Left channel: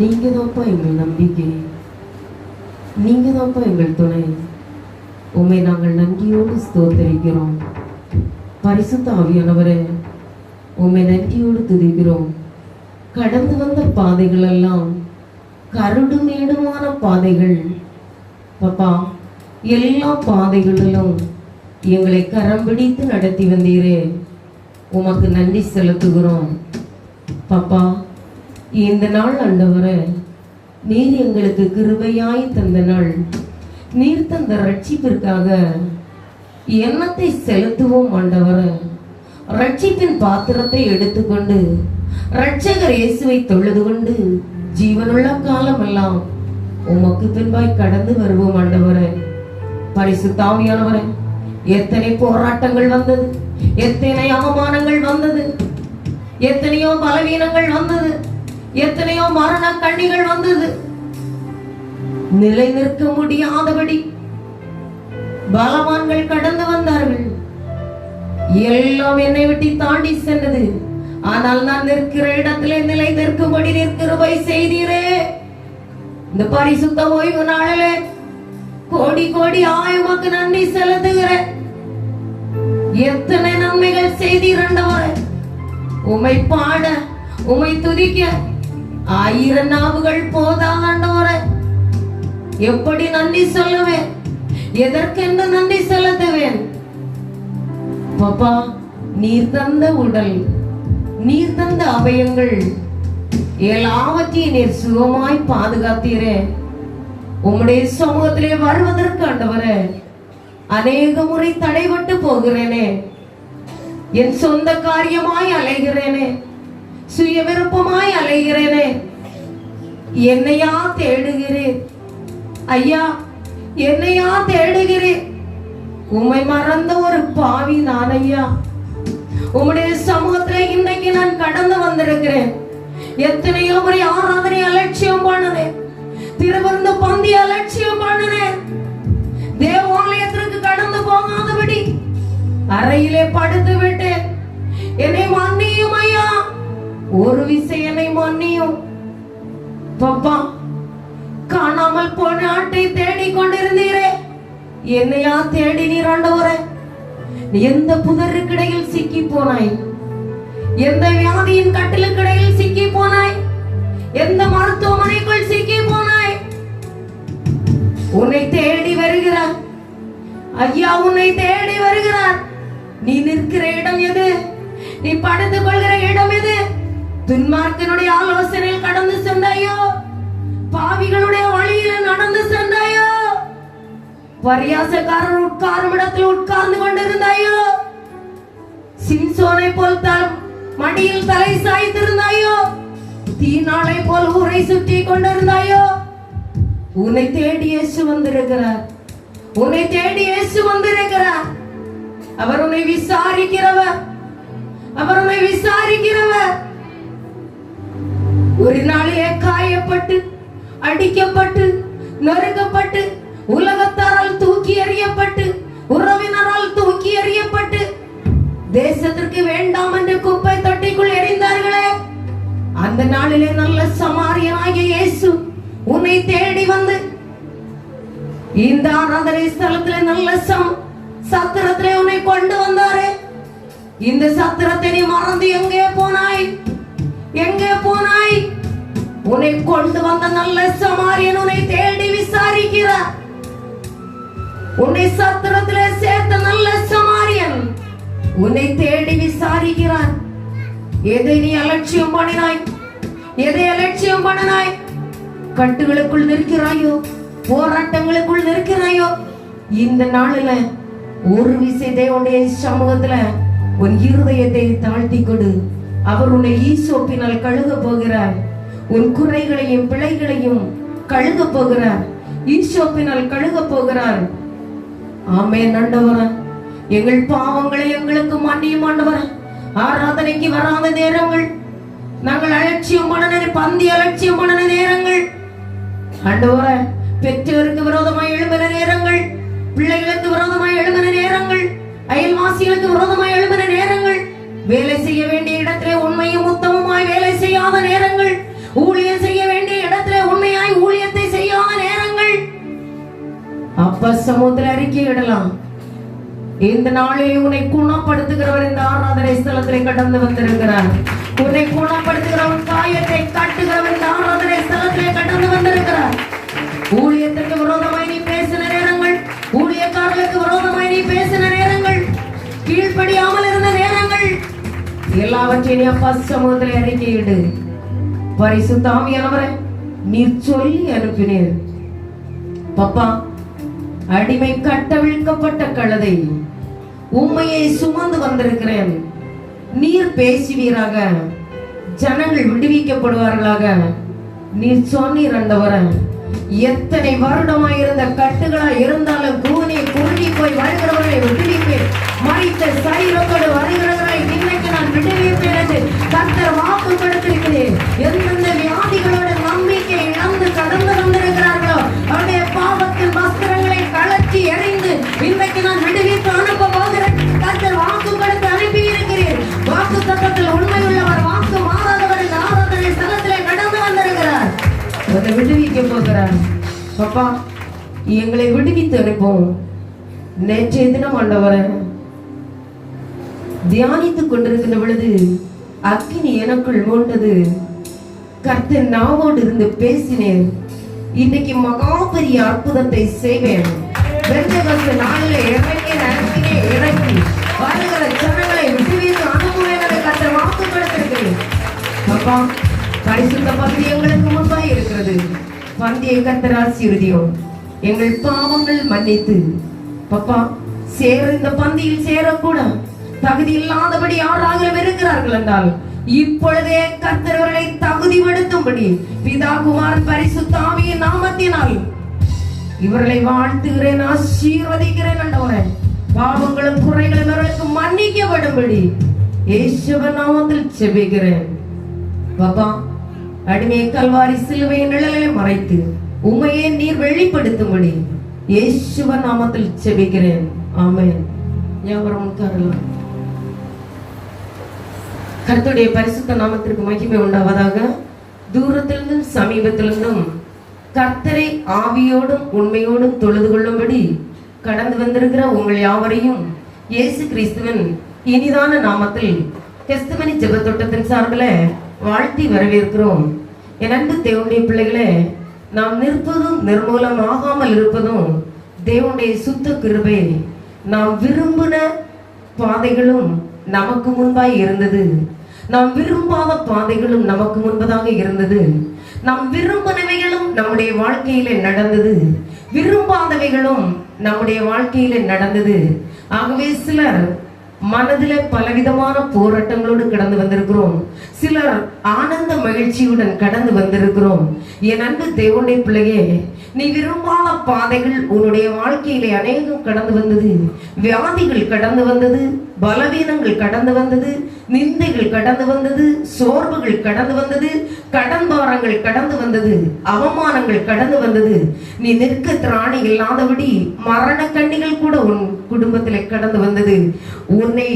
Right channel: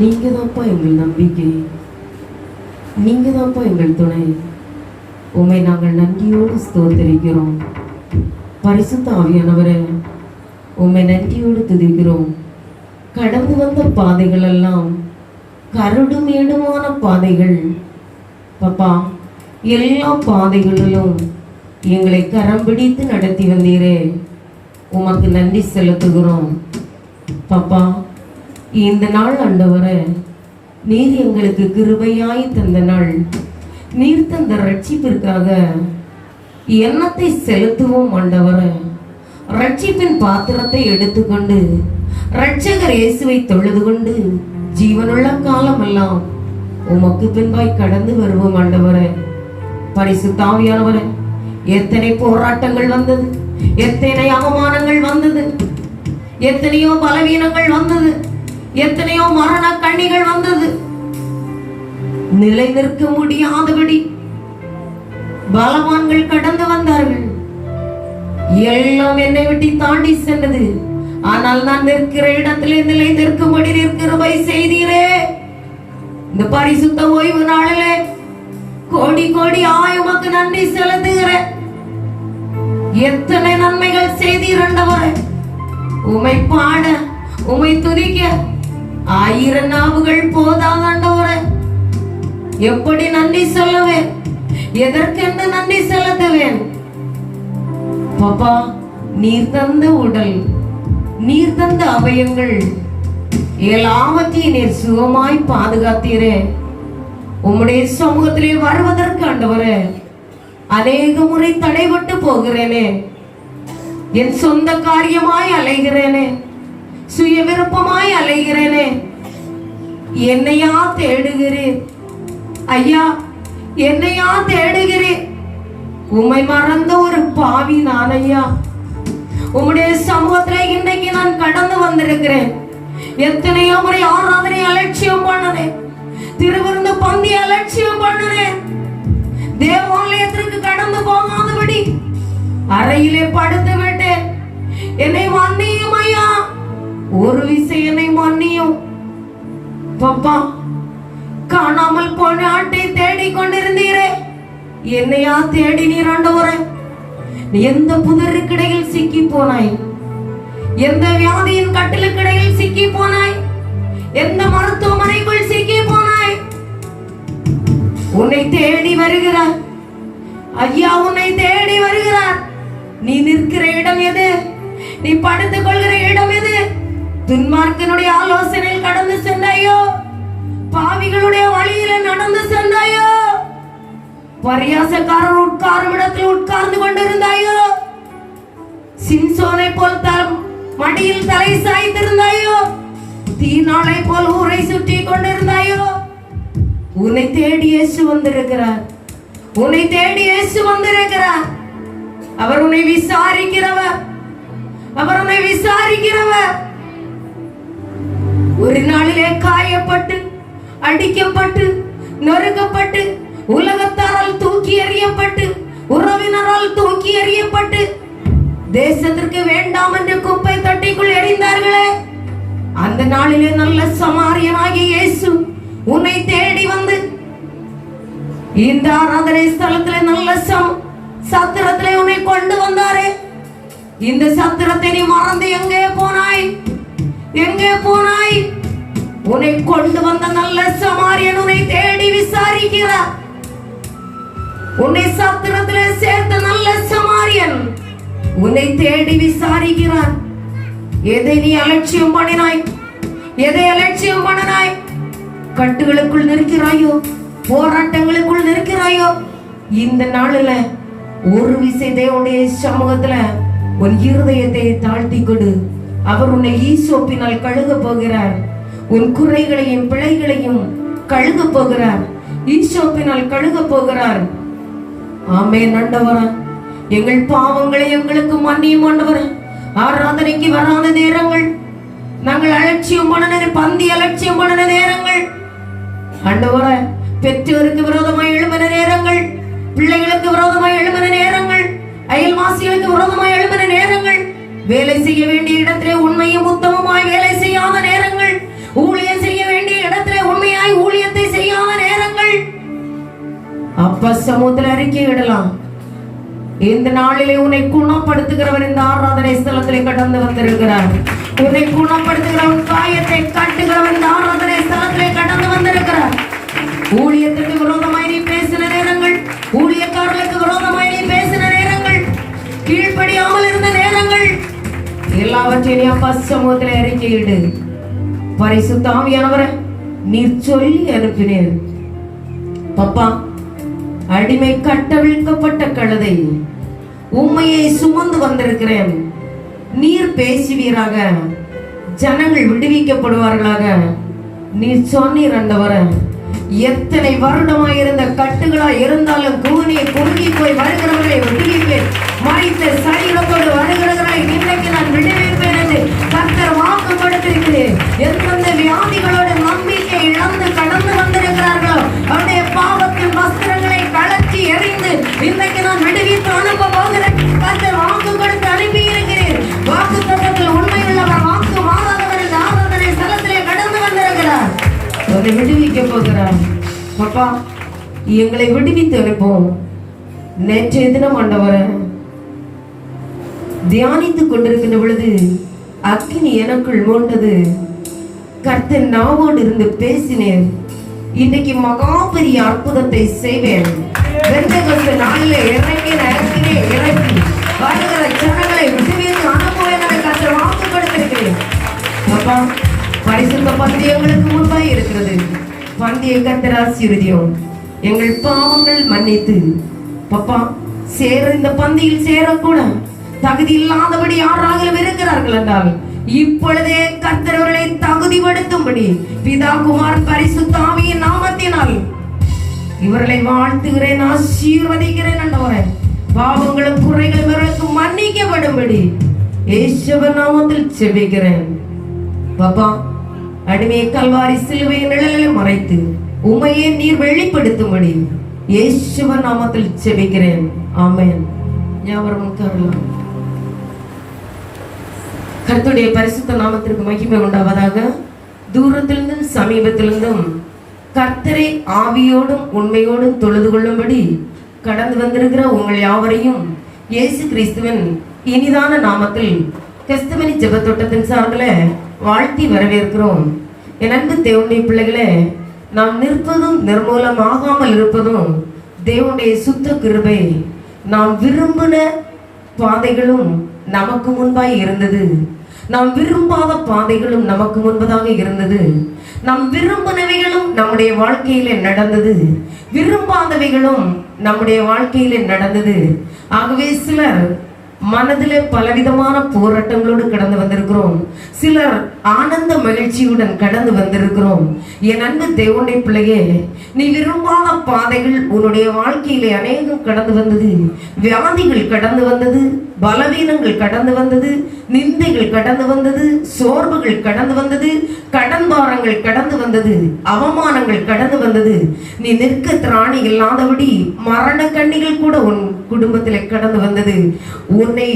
நீங்க தான்ப்பா எங்கள் நம்பிக்கை, நீங்க தான்ப்பா எங்கள் துணை. உம்மை நாங்கள் நன்றியோடு ஸ்தோத்தரிக்கிறோம். பரிசுத்த ஆவியானவரே, உம்மை நன்றியோடு துதிக்கிறோம். கடந்து வந்த பாதைகள் எல்லாம் கரடும் ஏடுமான பாதைகள் பாப்பா. எல்லா பாதைகளிலும் எங்களை கரம் பிடித்து நடத்தி வந்தீரே, உமக்கு நன்றி செலுத்துகிறோம் பாப்பா. இந்த நாள் ஆண்டவரே, நீர் எங்களுக்கு கிருபையாய் தந்த நாள். நீர் தந்த ரட்சிப்பிற்காக எண்ணத்தை செலுத்துவோம் ஆண்டவரே. ரட்சிப்பின் பாத்திரத்தை எடுத்துக்கொண்டு ரட்சகர் இயேசுவை தொழுது கொண்டு ஜீவனுள்ள காலமெல்லாம் உமக்கு பின்பாய் கடந்து வருவோம் ஆண்டவரே. பரிசுத்த ஆவியானவரே, எத்தனை போராட்டங்கள் வந்தது, எத்தனை அவமானங்கள் வந்தது, எத்தனையோ பலவீனங்கள் வந்தது, எத்தனையோ மரண கண்ணிகள் வந்தது. நிலை நிற்க முடியாதபடி பலவான்கள் கடந்து வந்தார்கள். எல்லாம் என்னை விட்டு தாண்டி சென்றது. ஆனால் நான் நிற்கிற இடத்திலே நிலை நிற்கும்படி கிருபை செய்தீரே. இந்த பரிசுத்த ஓய்வு நாளிலே கோடி கோடி உமக்கு நன்றி செலுத்துகிறேன். எத்தனை நன்மைகள் செய்தீரண்டவரே. உமை பாட, உமை துதிக்க 1000 நாவுகள் போதாண்டவரே. எப்படி நன்றி சொல்லுவேன், எதற்கென்று நன்றி செலுத்துவேன் பாப்பா. நீர் தந்த உடல், நீர் தந்த அவயங்கள் எல்லாவற்றையும் நீர் சுகமாய் பாதுகாத்தீரே. உம்முடைய சமூகத்திலே வருவதற்கு ஆண்டவரே அநேக முறை தடைபட்டு போகிறேனே. என் சொந்த காரியமாய் அலைகிறேனே, சுய விருப்பமாய் அலைகிறேனே. என்னையா தேடுகிறேன் ஐயா, என்னையா தேடுகிறேன். உம்மை மறந்த ஒரு பாவி நான் ஐயா. உம்முடைய சமூகத்திலே இன்னைக்கு நான் கடந்து வந்திருக்கிறேன். எத்தனையோ முறை ஆராதனை அலட்சியம் பண்ணுறேன், திருவிருந்து பந்தி அலட்சியம் பண்ணுறேன். தேவாலயத்திற்கு கடந்து போகாதபடி அறையிலே படுத்து விட்டேன். என்னை மன்னியும் ஐயா, ஒரு விசை என்னை மன்னியும் பாப்பா. காணாமல் போன ஆட்டை தேடிக் கொண்டிருந்தீரே, என்னையா தேடி நீர் ஆண்டவரே. எந்த புதருக்கிடையில் சிக்கி போனாய், எந்த வியாதியின் கட்டிலுக்கிடையில் சிக்கி போனாய், எந்த மருத்துவமனைக்குள் சிக்கி போனாய். உன்னை தேடி வருகிறார் ஐயா, உன்னை தேடி வருகிறார். நீ நிற்கிற இடம் எது, நீ படுத்துக் கொள்கிற இடம் எது? துன்மார்க்கனுடைய ஆலோசனையில் கடந்து சென்றாயோ, பாவிகளுடைய வழியில நடந்து சென்றாயோ, பரியாசக்காரர் உட்காரும் இடத்தில் உட்கார்ந்து கொண்டிருந்தாயோ, சிம்சோனை போல் மடியில் தலை சாய்த்திருந்தாயோ, தீநாளை போல் ஊரை சுற்றி கொண்டிருந்தாயோ. உன்னை தேடி இயேசு வந்திருக்கிறார், உன்னை தேடி இயேசு வந்திருக்கிறார். அவர் உன்னை விசாரிக்கிறவர், அவர் உன்னை விசாரிக்கிறவர். ஒரு நாளிலே காயப்பட்டு, அடிக்கப்பட்டு, நொறுக்கப்பட்டு, உலகத்தாரால் தூக்கி எறியப்பட்டு, உறவினரால் தூக்கி எறியப்பட்டு, தேசத்திற்கு வேண்டாம் என்று குப்பை தொட்டிக்குள் எறிந்தார்களே, அந்த நாளிலே நல்ல சமாரியனாகிய இயேசு உன்னை தேடி வந்து இந்த ஆராதனை ஸ்தலத்திலே நல்ல சத்திரத்திலே உன்னை கொண்டு வந்தாரே. இந்த சத்திரத்தை நீ மறந்து எங்கே போனாய், எங்கே போனாய்? உன்னை கொண்டு வந்த நல்ல சமாரியன் உன்னை தேடி விசாரிக்கிறார். உன்னை சத்திரத்திலே சேர்த்த நல்ல சமாரியன் உன்னை தேடி விசாரிக்கிறார். எதை நீ அலட்சியம் பண்ணினாய், எதை அலட்சியம் பண்ணினாய்? கட்டுகளுக்குள் நிற்கிறாயோ, போராட்டங்களுக்குள் நிற்கிறாயோ, இந்த நாளில ஒரு விசை தேவனுடைய சமூகத்துல உன் இருதயத்தை தாழ்த்தி கொடு. அவர் உன்னை ஈசோப்பினால் கழுக போகிறார். உன் குறைகளையும் பிழைகளையும் கழுக போகிறார், ஈசோப்பினால் கழுக போகிறார். ஆமென் ஆண்டவரே. எங்கள் பாவங்களை எங்களுக்கு மன்னியும் ஆண்டவரே. ஆராதனைக்கு வராத நேரங்கள், நாங்கள் அலட்சியம் பண்ண பந்தி அலட்சியம் பண்ண நேரங்கள் ஆண்டவரே, பெற்றோருக்கு விரோதமாய் எழும்பின நேரங்கள், பிள்ளைகளுக்கு விரோதமாய் எழும்பின நேரங்கள், அயல்வாசிகளுக்கு விரோதமாய் எழும்பின நேரங்கள், வேலை செய்ய வேண்டிய இடத்திலே உண்மையும் உத்தமமாய் வேலை செய்யாத நேரங்கள், ஊழியம் செய்ய வேண்டிய சமூகத்தில் அறிக்கையிடலாம். இந்த நாளிலே உன்னை குணப்படுத்துகிறவர் இந்த ஆராதனை ஸ்தலத்திலே கடந்து வந்திருக்கிறார். உன்னை குணப்படுத்துகிறவன் காயத்தை கட்டுகிறவன் இந்த ஆராதனை ஸ்தலத்திலே கடந்து வந்திருக்கிறார். ஊழியத்திற்கு விரோதமாய் நீ பேசின நேரங்கள், ஊழியக்காரர்களுக்கு விரோதமாய் நீ பேசின நேரங்கள், கீழ்ப்படியாமல் இருந்த நேரங்கள் எல்லாவற்றையும் அப்பா சமூகத்திலே அறிக்கையிடு. பரிசுத்த ஆவியானவரை நீர் சொல்லி அனுப்பினீர். பப்பா, அடிமை கட்டவிழ்க்கப்பட்ட கழுதை உண்மையை சுமந்து வந்திருக்கிறேன். நீர் பேசுவீராக, ஜனங்கள் விடுவிக்கப்படுவார்களாக. நீர் சொன்னீர் ஆண்டவரே. எத்தனை வருடமாயிருந்த கட்டுகளா இருந்தாலும் கூனி குறுகி போய் வருகிறவர்களை விடுவிப்பேன். மறித்த சரீரத்தோடு வருகிறவர்களை இன்றைக்கு நான் விடுவிப்பேன் என்று கர்த்தர் வாக்கு கொடுத்திருக்கிறேன். எந்தெந்த வியாதிகளோடு நம்பிக்கை இழந்து கடந்து வந்திருக்கிறார்களோ அவருடைய பாவத்தின் வஸ்திரங்களை கழற்றி எறிந்து இன்றைக்கு நான் விடுவித்து அனுப்ப போகிறேன். கர்த்தர் வாக்கு கொடுத்து அனுப்பி இருக்கிறேன். வாக்கு தத்தத்தில் உண்மையுள்ளவர், வாக்கு மாறாதவர் இந்த ஆராதனை ஸ்தலத்திலே கடந்து வந்திருக்கிறார். அவரை விடுவிக்க போகிறார். பாப்பா, எங்களை விடுவித்து அனுப்போம். நேற்றைய தினம் ஆண்டவரை தியானித்துக் கொண்டிருக்கின்ற பொழுது அக்கினி எனக்குள் மூண்டது. கர்த்தர் நாவோடு இருந்து பேசினேன். இன்னைக்கு மகா பெரிய அற்புதத்தை செய்வேன். பெந்தெகோஸ்து நாளிலே இறங்கின அக்கினி இறங்கி வருகிற ஜனங்களை விடுவித்து அனுப்புவேன் என்று கர்த்தர் வாக்கு கொடுத்திருக்கிறேன். பாப்பா, பரிசுத்த பந்தி எங்களுக்கு முன்பாய் இருக்கிறது. பந்தியை கர்த்தர் ஆசீர்வதியும். எங்கள் பாவங்கள் மன்னித்து பப்பா இந்த பந்தியில் சேரக்கூட தகுதி இல்லாதபடி யாராக இருக்கிறார்கள் என்றால் இப்பொழுதே கர்த்தர் அவர்களை தகுதிப்படுத்தும்படி பிதா குமார் பரிசுத்த ஆவியின் நாமத்தினால் இவர்களை வாழ்த்துகிறேன், ஆசீர்வதிக்கிறேன் ஆண்டவரே. பாவங்களும் குறைகளும் இவர்களுக்கு மன்னிக்கப்படும்படி இயேசுவின் நாமத்தில் ஜெபிக்கிறேன். பாப்பா, அடிமை கல்வாரி சிலுவையின் நிழலை மறைத்து உம்மையே நீர் வெளிப்படுத்தும்படி இயேசுவின் நாமத்தில் ஜெபிக்கிறேன். ஆமென். யாவரும் உட்காரலாம். கர்த்தருடைய பரிசுத்த நாமத்திற்கு மகிமை உண்டாவதாக. தூரத்திலிருந்தும் சமீபத்திலிருந்தும் கர்த்தரை ஆவியோடும் உண்மையோடும் தொழுது கொள்ளும்படி கடந்து வந்திருக்கிற உங்கள் யாவரையும் இயேசு கிறிஸ்துவின் இனிதான நாமத்தில் கிறிஸ்துவனி ஜெபத்தோட்டத்தின் சார்பில் வாழ்த்தி வரவேற்கிறோம். என் அன்பு தேவனுடைய பிள்ளைகளே, நாம் நிற்பதும் நிர்மூலமாகாமல் இருப்பதும் தேவனுடைய சுத்த கிருபை. நாம் விரும்பின பாதைகளும் நமக்கு முன்பாய் இருந்தது, நாம் விரும்பாத பாதைகளும் நமக்கு முன்பதாக இருந்தது. நாம் விரும்பினவைகளும் நம்முடைய வாழ்க்கையில நடந்தது, விரும்பாதவைகளும் நம்முடைய வாழ்க்கையில நடந்தது. ஆகவே சிலர் மனதிலே பலவிதமான போராட்டங்களோடு கடந்து வந்திருக்கிறோம். சிலர் ஆனந்த மகிழ்ச்சியுடன் கடந்து வந்திருக்கிறோம். என் அன்பு தேவனுடைய பிள்ளையே, நீ விரும்பாத பாதைகள் உன்னுடைய வாழ்க்கையிலே அநேகம் கடந்து வந்தது. வியாதிகள் கடந்து வந்தது, பலவீனங்கள் கடந்து வந்தது, நிந்தைகள் கடந்து வந்தது, சோர்வுகள் கடந்து வந்தது, கடன் பாரங்கள் கடந்து வந்தது, அவமானங்கள் கடந்து வந்தது. நீ நிற்க திராணி இல்லாதபடி மரண கண்ணிகள் கூட உன் குடும்பத்தில் கடந்து வந்தது. உன்னை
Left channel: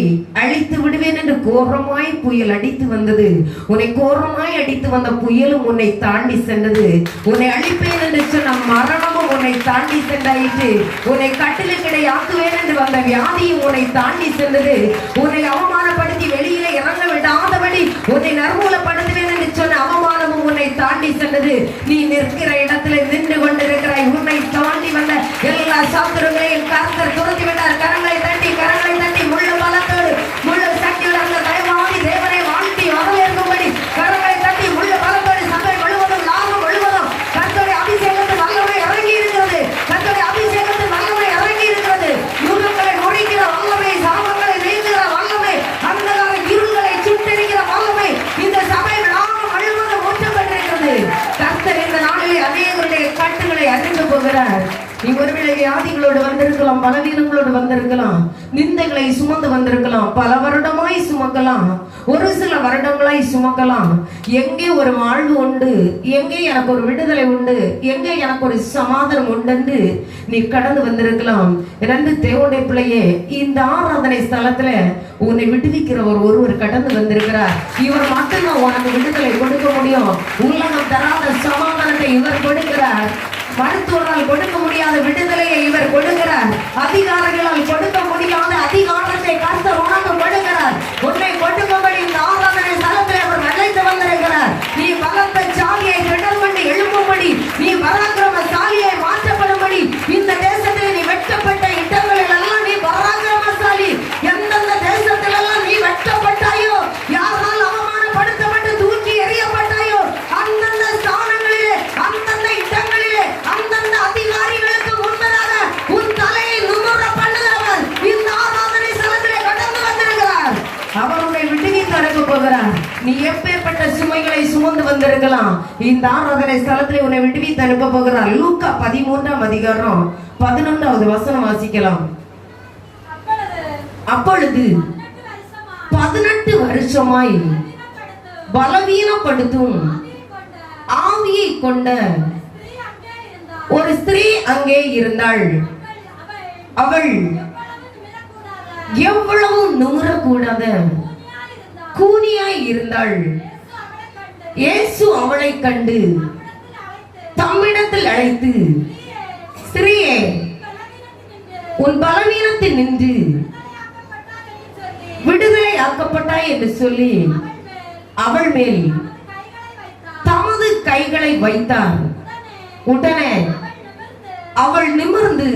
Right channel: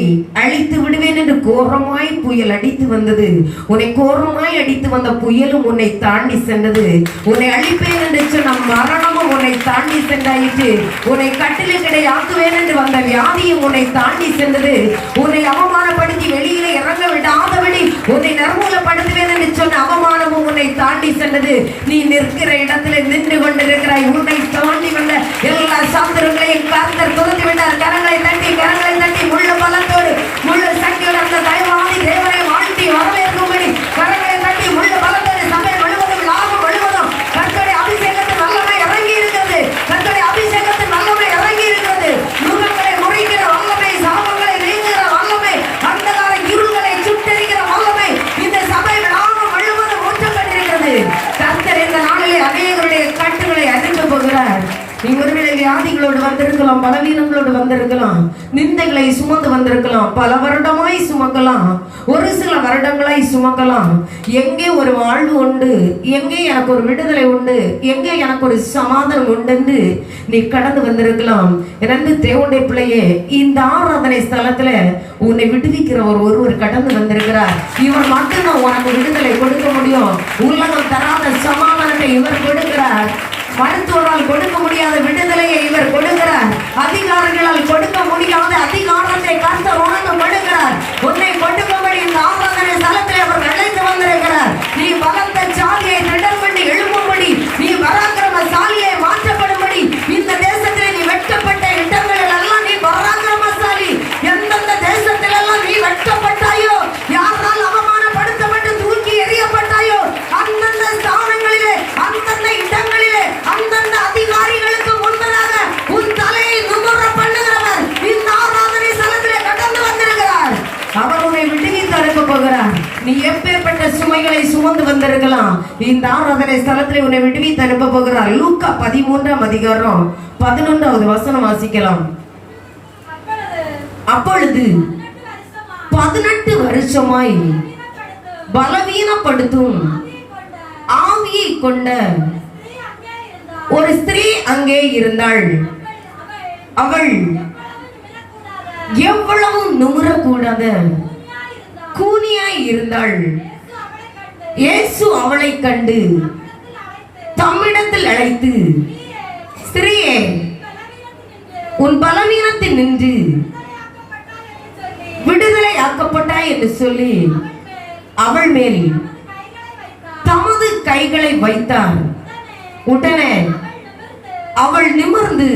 அழித்து விடுவேன் என்று கோரமாய் புயல் அடித்து வந்தது. உன்னை கோரமாய் அடித்து வந்த புயலும் உன்னை தாண்டி சென்றது. உன்னை அழிப்பேன் என்று சொன்ன மரணமும் உன்னை தாண்டி சென்றாயிற்று. உன்னை கட்டிலே ஆக்குவேன் என்று வந்த வியாதியும் உன்னை தாண்டி சென்றது. உன்னை அவமானப்படுத்தி வெளியிலே இறங்க விடாதபடி உன்னை நர்மூலப்படுத்துவேன் என்று சொன்ன அவமானமும் உன்னை தாண்டி சென்றது. நீ நிற்கிற இடத்திலே நின்று கொண்டிருக்கிறாய். உன்னை தாண்டி வந்த எல்லா சாத்திரங்களையும் கர்த்தர் துரத்தி விட்டார். கரங்களை தட்டி முள்ள பலத்தோடு முள்ள சக்தியோடு அந்த தயவாதி தேவனை வாழ்த்தி வரவேற்கும்படி கரங்களை தட்டி முள்ள பலத்தோடு சபை முழுவதும் லாபம் முழுவதும் கர்த்தருடைய அபிஷேகத்தின் வல்லமை இறங்கி இருக்கிறது. கர்த்தருடைய அபிஷேகத்தின் வல்லமை இறங்கி இருக்கிறது. முகங்களை முறிக்கிற வல்லமை, சாபங்களை நீங்குகிற வல்லமை, அந்தகார இருள்களை சுட்டெரிக்கிற வல்லமை இந்த சபை லாபம் முழுவதும் ஒன்று பெற்றிருக்கிறது. கர்த்தர் இந்த நாளிலே அநேகருடைய கட்டுகளை அறிந்து போகிறார். நீ ஒருவேளை வியாதிகளோடு வந்திருக்கலாம், பலவீனங்களோடு வந்திருக்கலாம், நிந்தைகளை சுமந்து வந்திருக்கலாம், பல வருடமாய் சுமக்கலாம், ஒரு சில வருடங்களாய் சுமக்கலாம். எங்கே ஒரு வாழ்வு உண்டு, எங்கே எனக்கு ஒரு விடுதலை உண்டு, எங்கே எனக்கு ஒரு சமாதானம் உண்டு என்று நீ கடந்து வந்திருக்கலாம். இரண்டு தேவனுடைய பிள்ளையே, இந்த ஆராதனை ஸ்தலத்துல உன்னை விடுவிக்கிற ஒருவர் கடந்து வந்திருக்கிறார். இவர் மட்டும்தான் உனக்கு விடுதலை கொடுக்க முடியும். உலகம் தராத சமாதானத்தை இவர் கொடுக்கிறார். மருத்துவரால் கொடுக்க முடியாத விடுதலையை இவர் கொடுக்கிறார். அதிகாரிகளால் கொடுக்க முடியாத அதிகாரத்தை கர்த்தர் உனக்கு கொடுக்கிறார். உன்னை கொடுக்கும்படி இந்த ஆராதனை ஸ்தலத்தில் அவர் அழைத்து வந்திருக்கிறார். நீ பலத்த சாலியை திடர் பண்ணி எழுப்பும்படி, நீ பராக்கிரமசாலியை மாற்றப்படும்படி, இந்த தேசத்தில் நீ வெட்டப்பட்ட இடங்களில் எல்லாம் நீ பராக்கிரமசாலி. எந்தெந்த தேசத்தில் எல்லாம் நீ வெட்டப்பட்டாயோ, யாரால் அவமானப்படுத்தப்பட்டு தூக்கி எறியப்பட்டாயோ, அந்தந்த ஸ்தானங்களிலே, அந்தந்த இடங்களிலே, அந்தந்த அதிகாரிகளுக்கு முன்பதாக உன் தலையை நிமிர பண்ணுகிறவர் இந்த ஆராதனை ஸ்தலத்திலே கடந்து வந்திருக்கிறார். அவர் உன்னை விடுவித்து அனுப்ப போகிறார். நீ எப்பேற்பட்ட சுமைகளை சுமந்து வந்திருக்கலாம், இந்த ஆராதனை ஸ்தலத்திலே உன்னை விடுவித்து அனுப்ப போகிறார். லூக்கா 13ஆம் அதிகாரம் 11வது வசனம் வாசிக்கலாம். அப்பொழுது 18 வருஷமாய் பலவீனப்படுத்தும் ஆவியை கொண்ட ஒரு ஸ்திரீ அங்கே இருந்தாள். அவள் எவ்வளவு நுகரக்கூடாத கூனியாய் இருந்தாள். இயேசு அவளை கண்டு தம்மிடத்தில் அழைத்து, ஸ்திரீயே, உன் பலவீனத்தில் நின்று விடுதலை ஆக்கப்பட்டாய் என்று சொல்லி அவள் மேல் தமது கைகளை வைத்தார். உடனே அவள் நிமிர்ந்து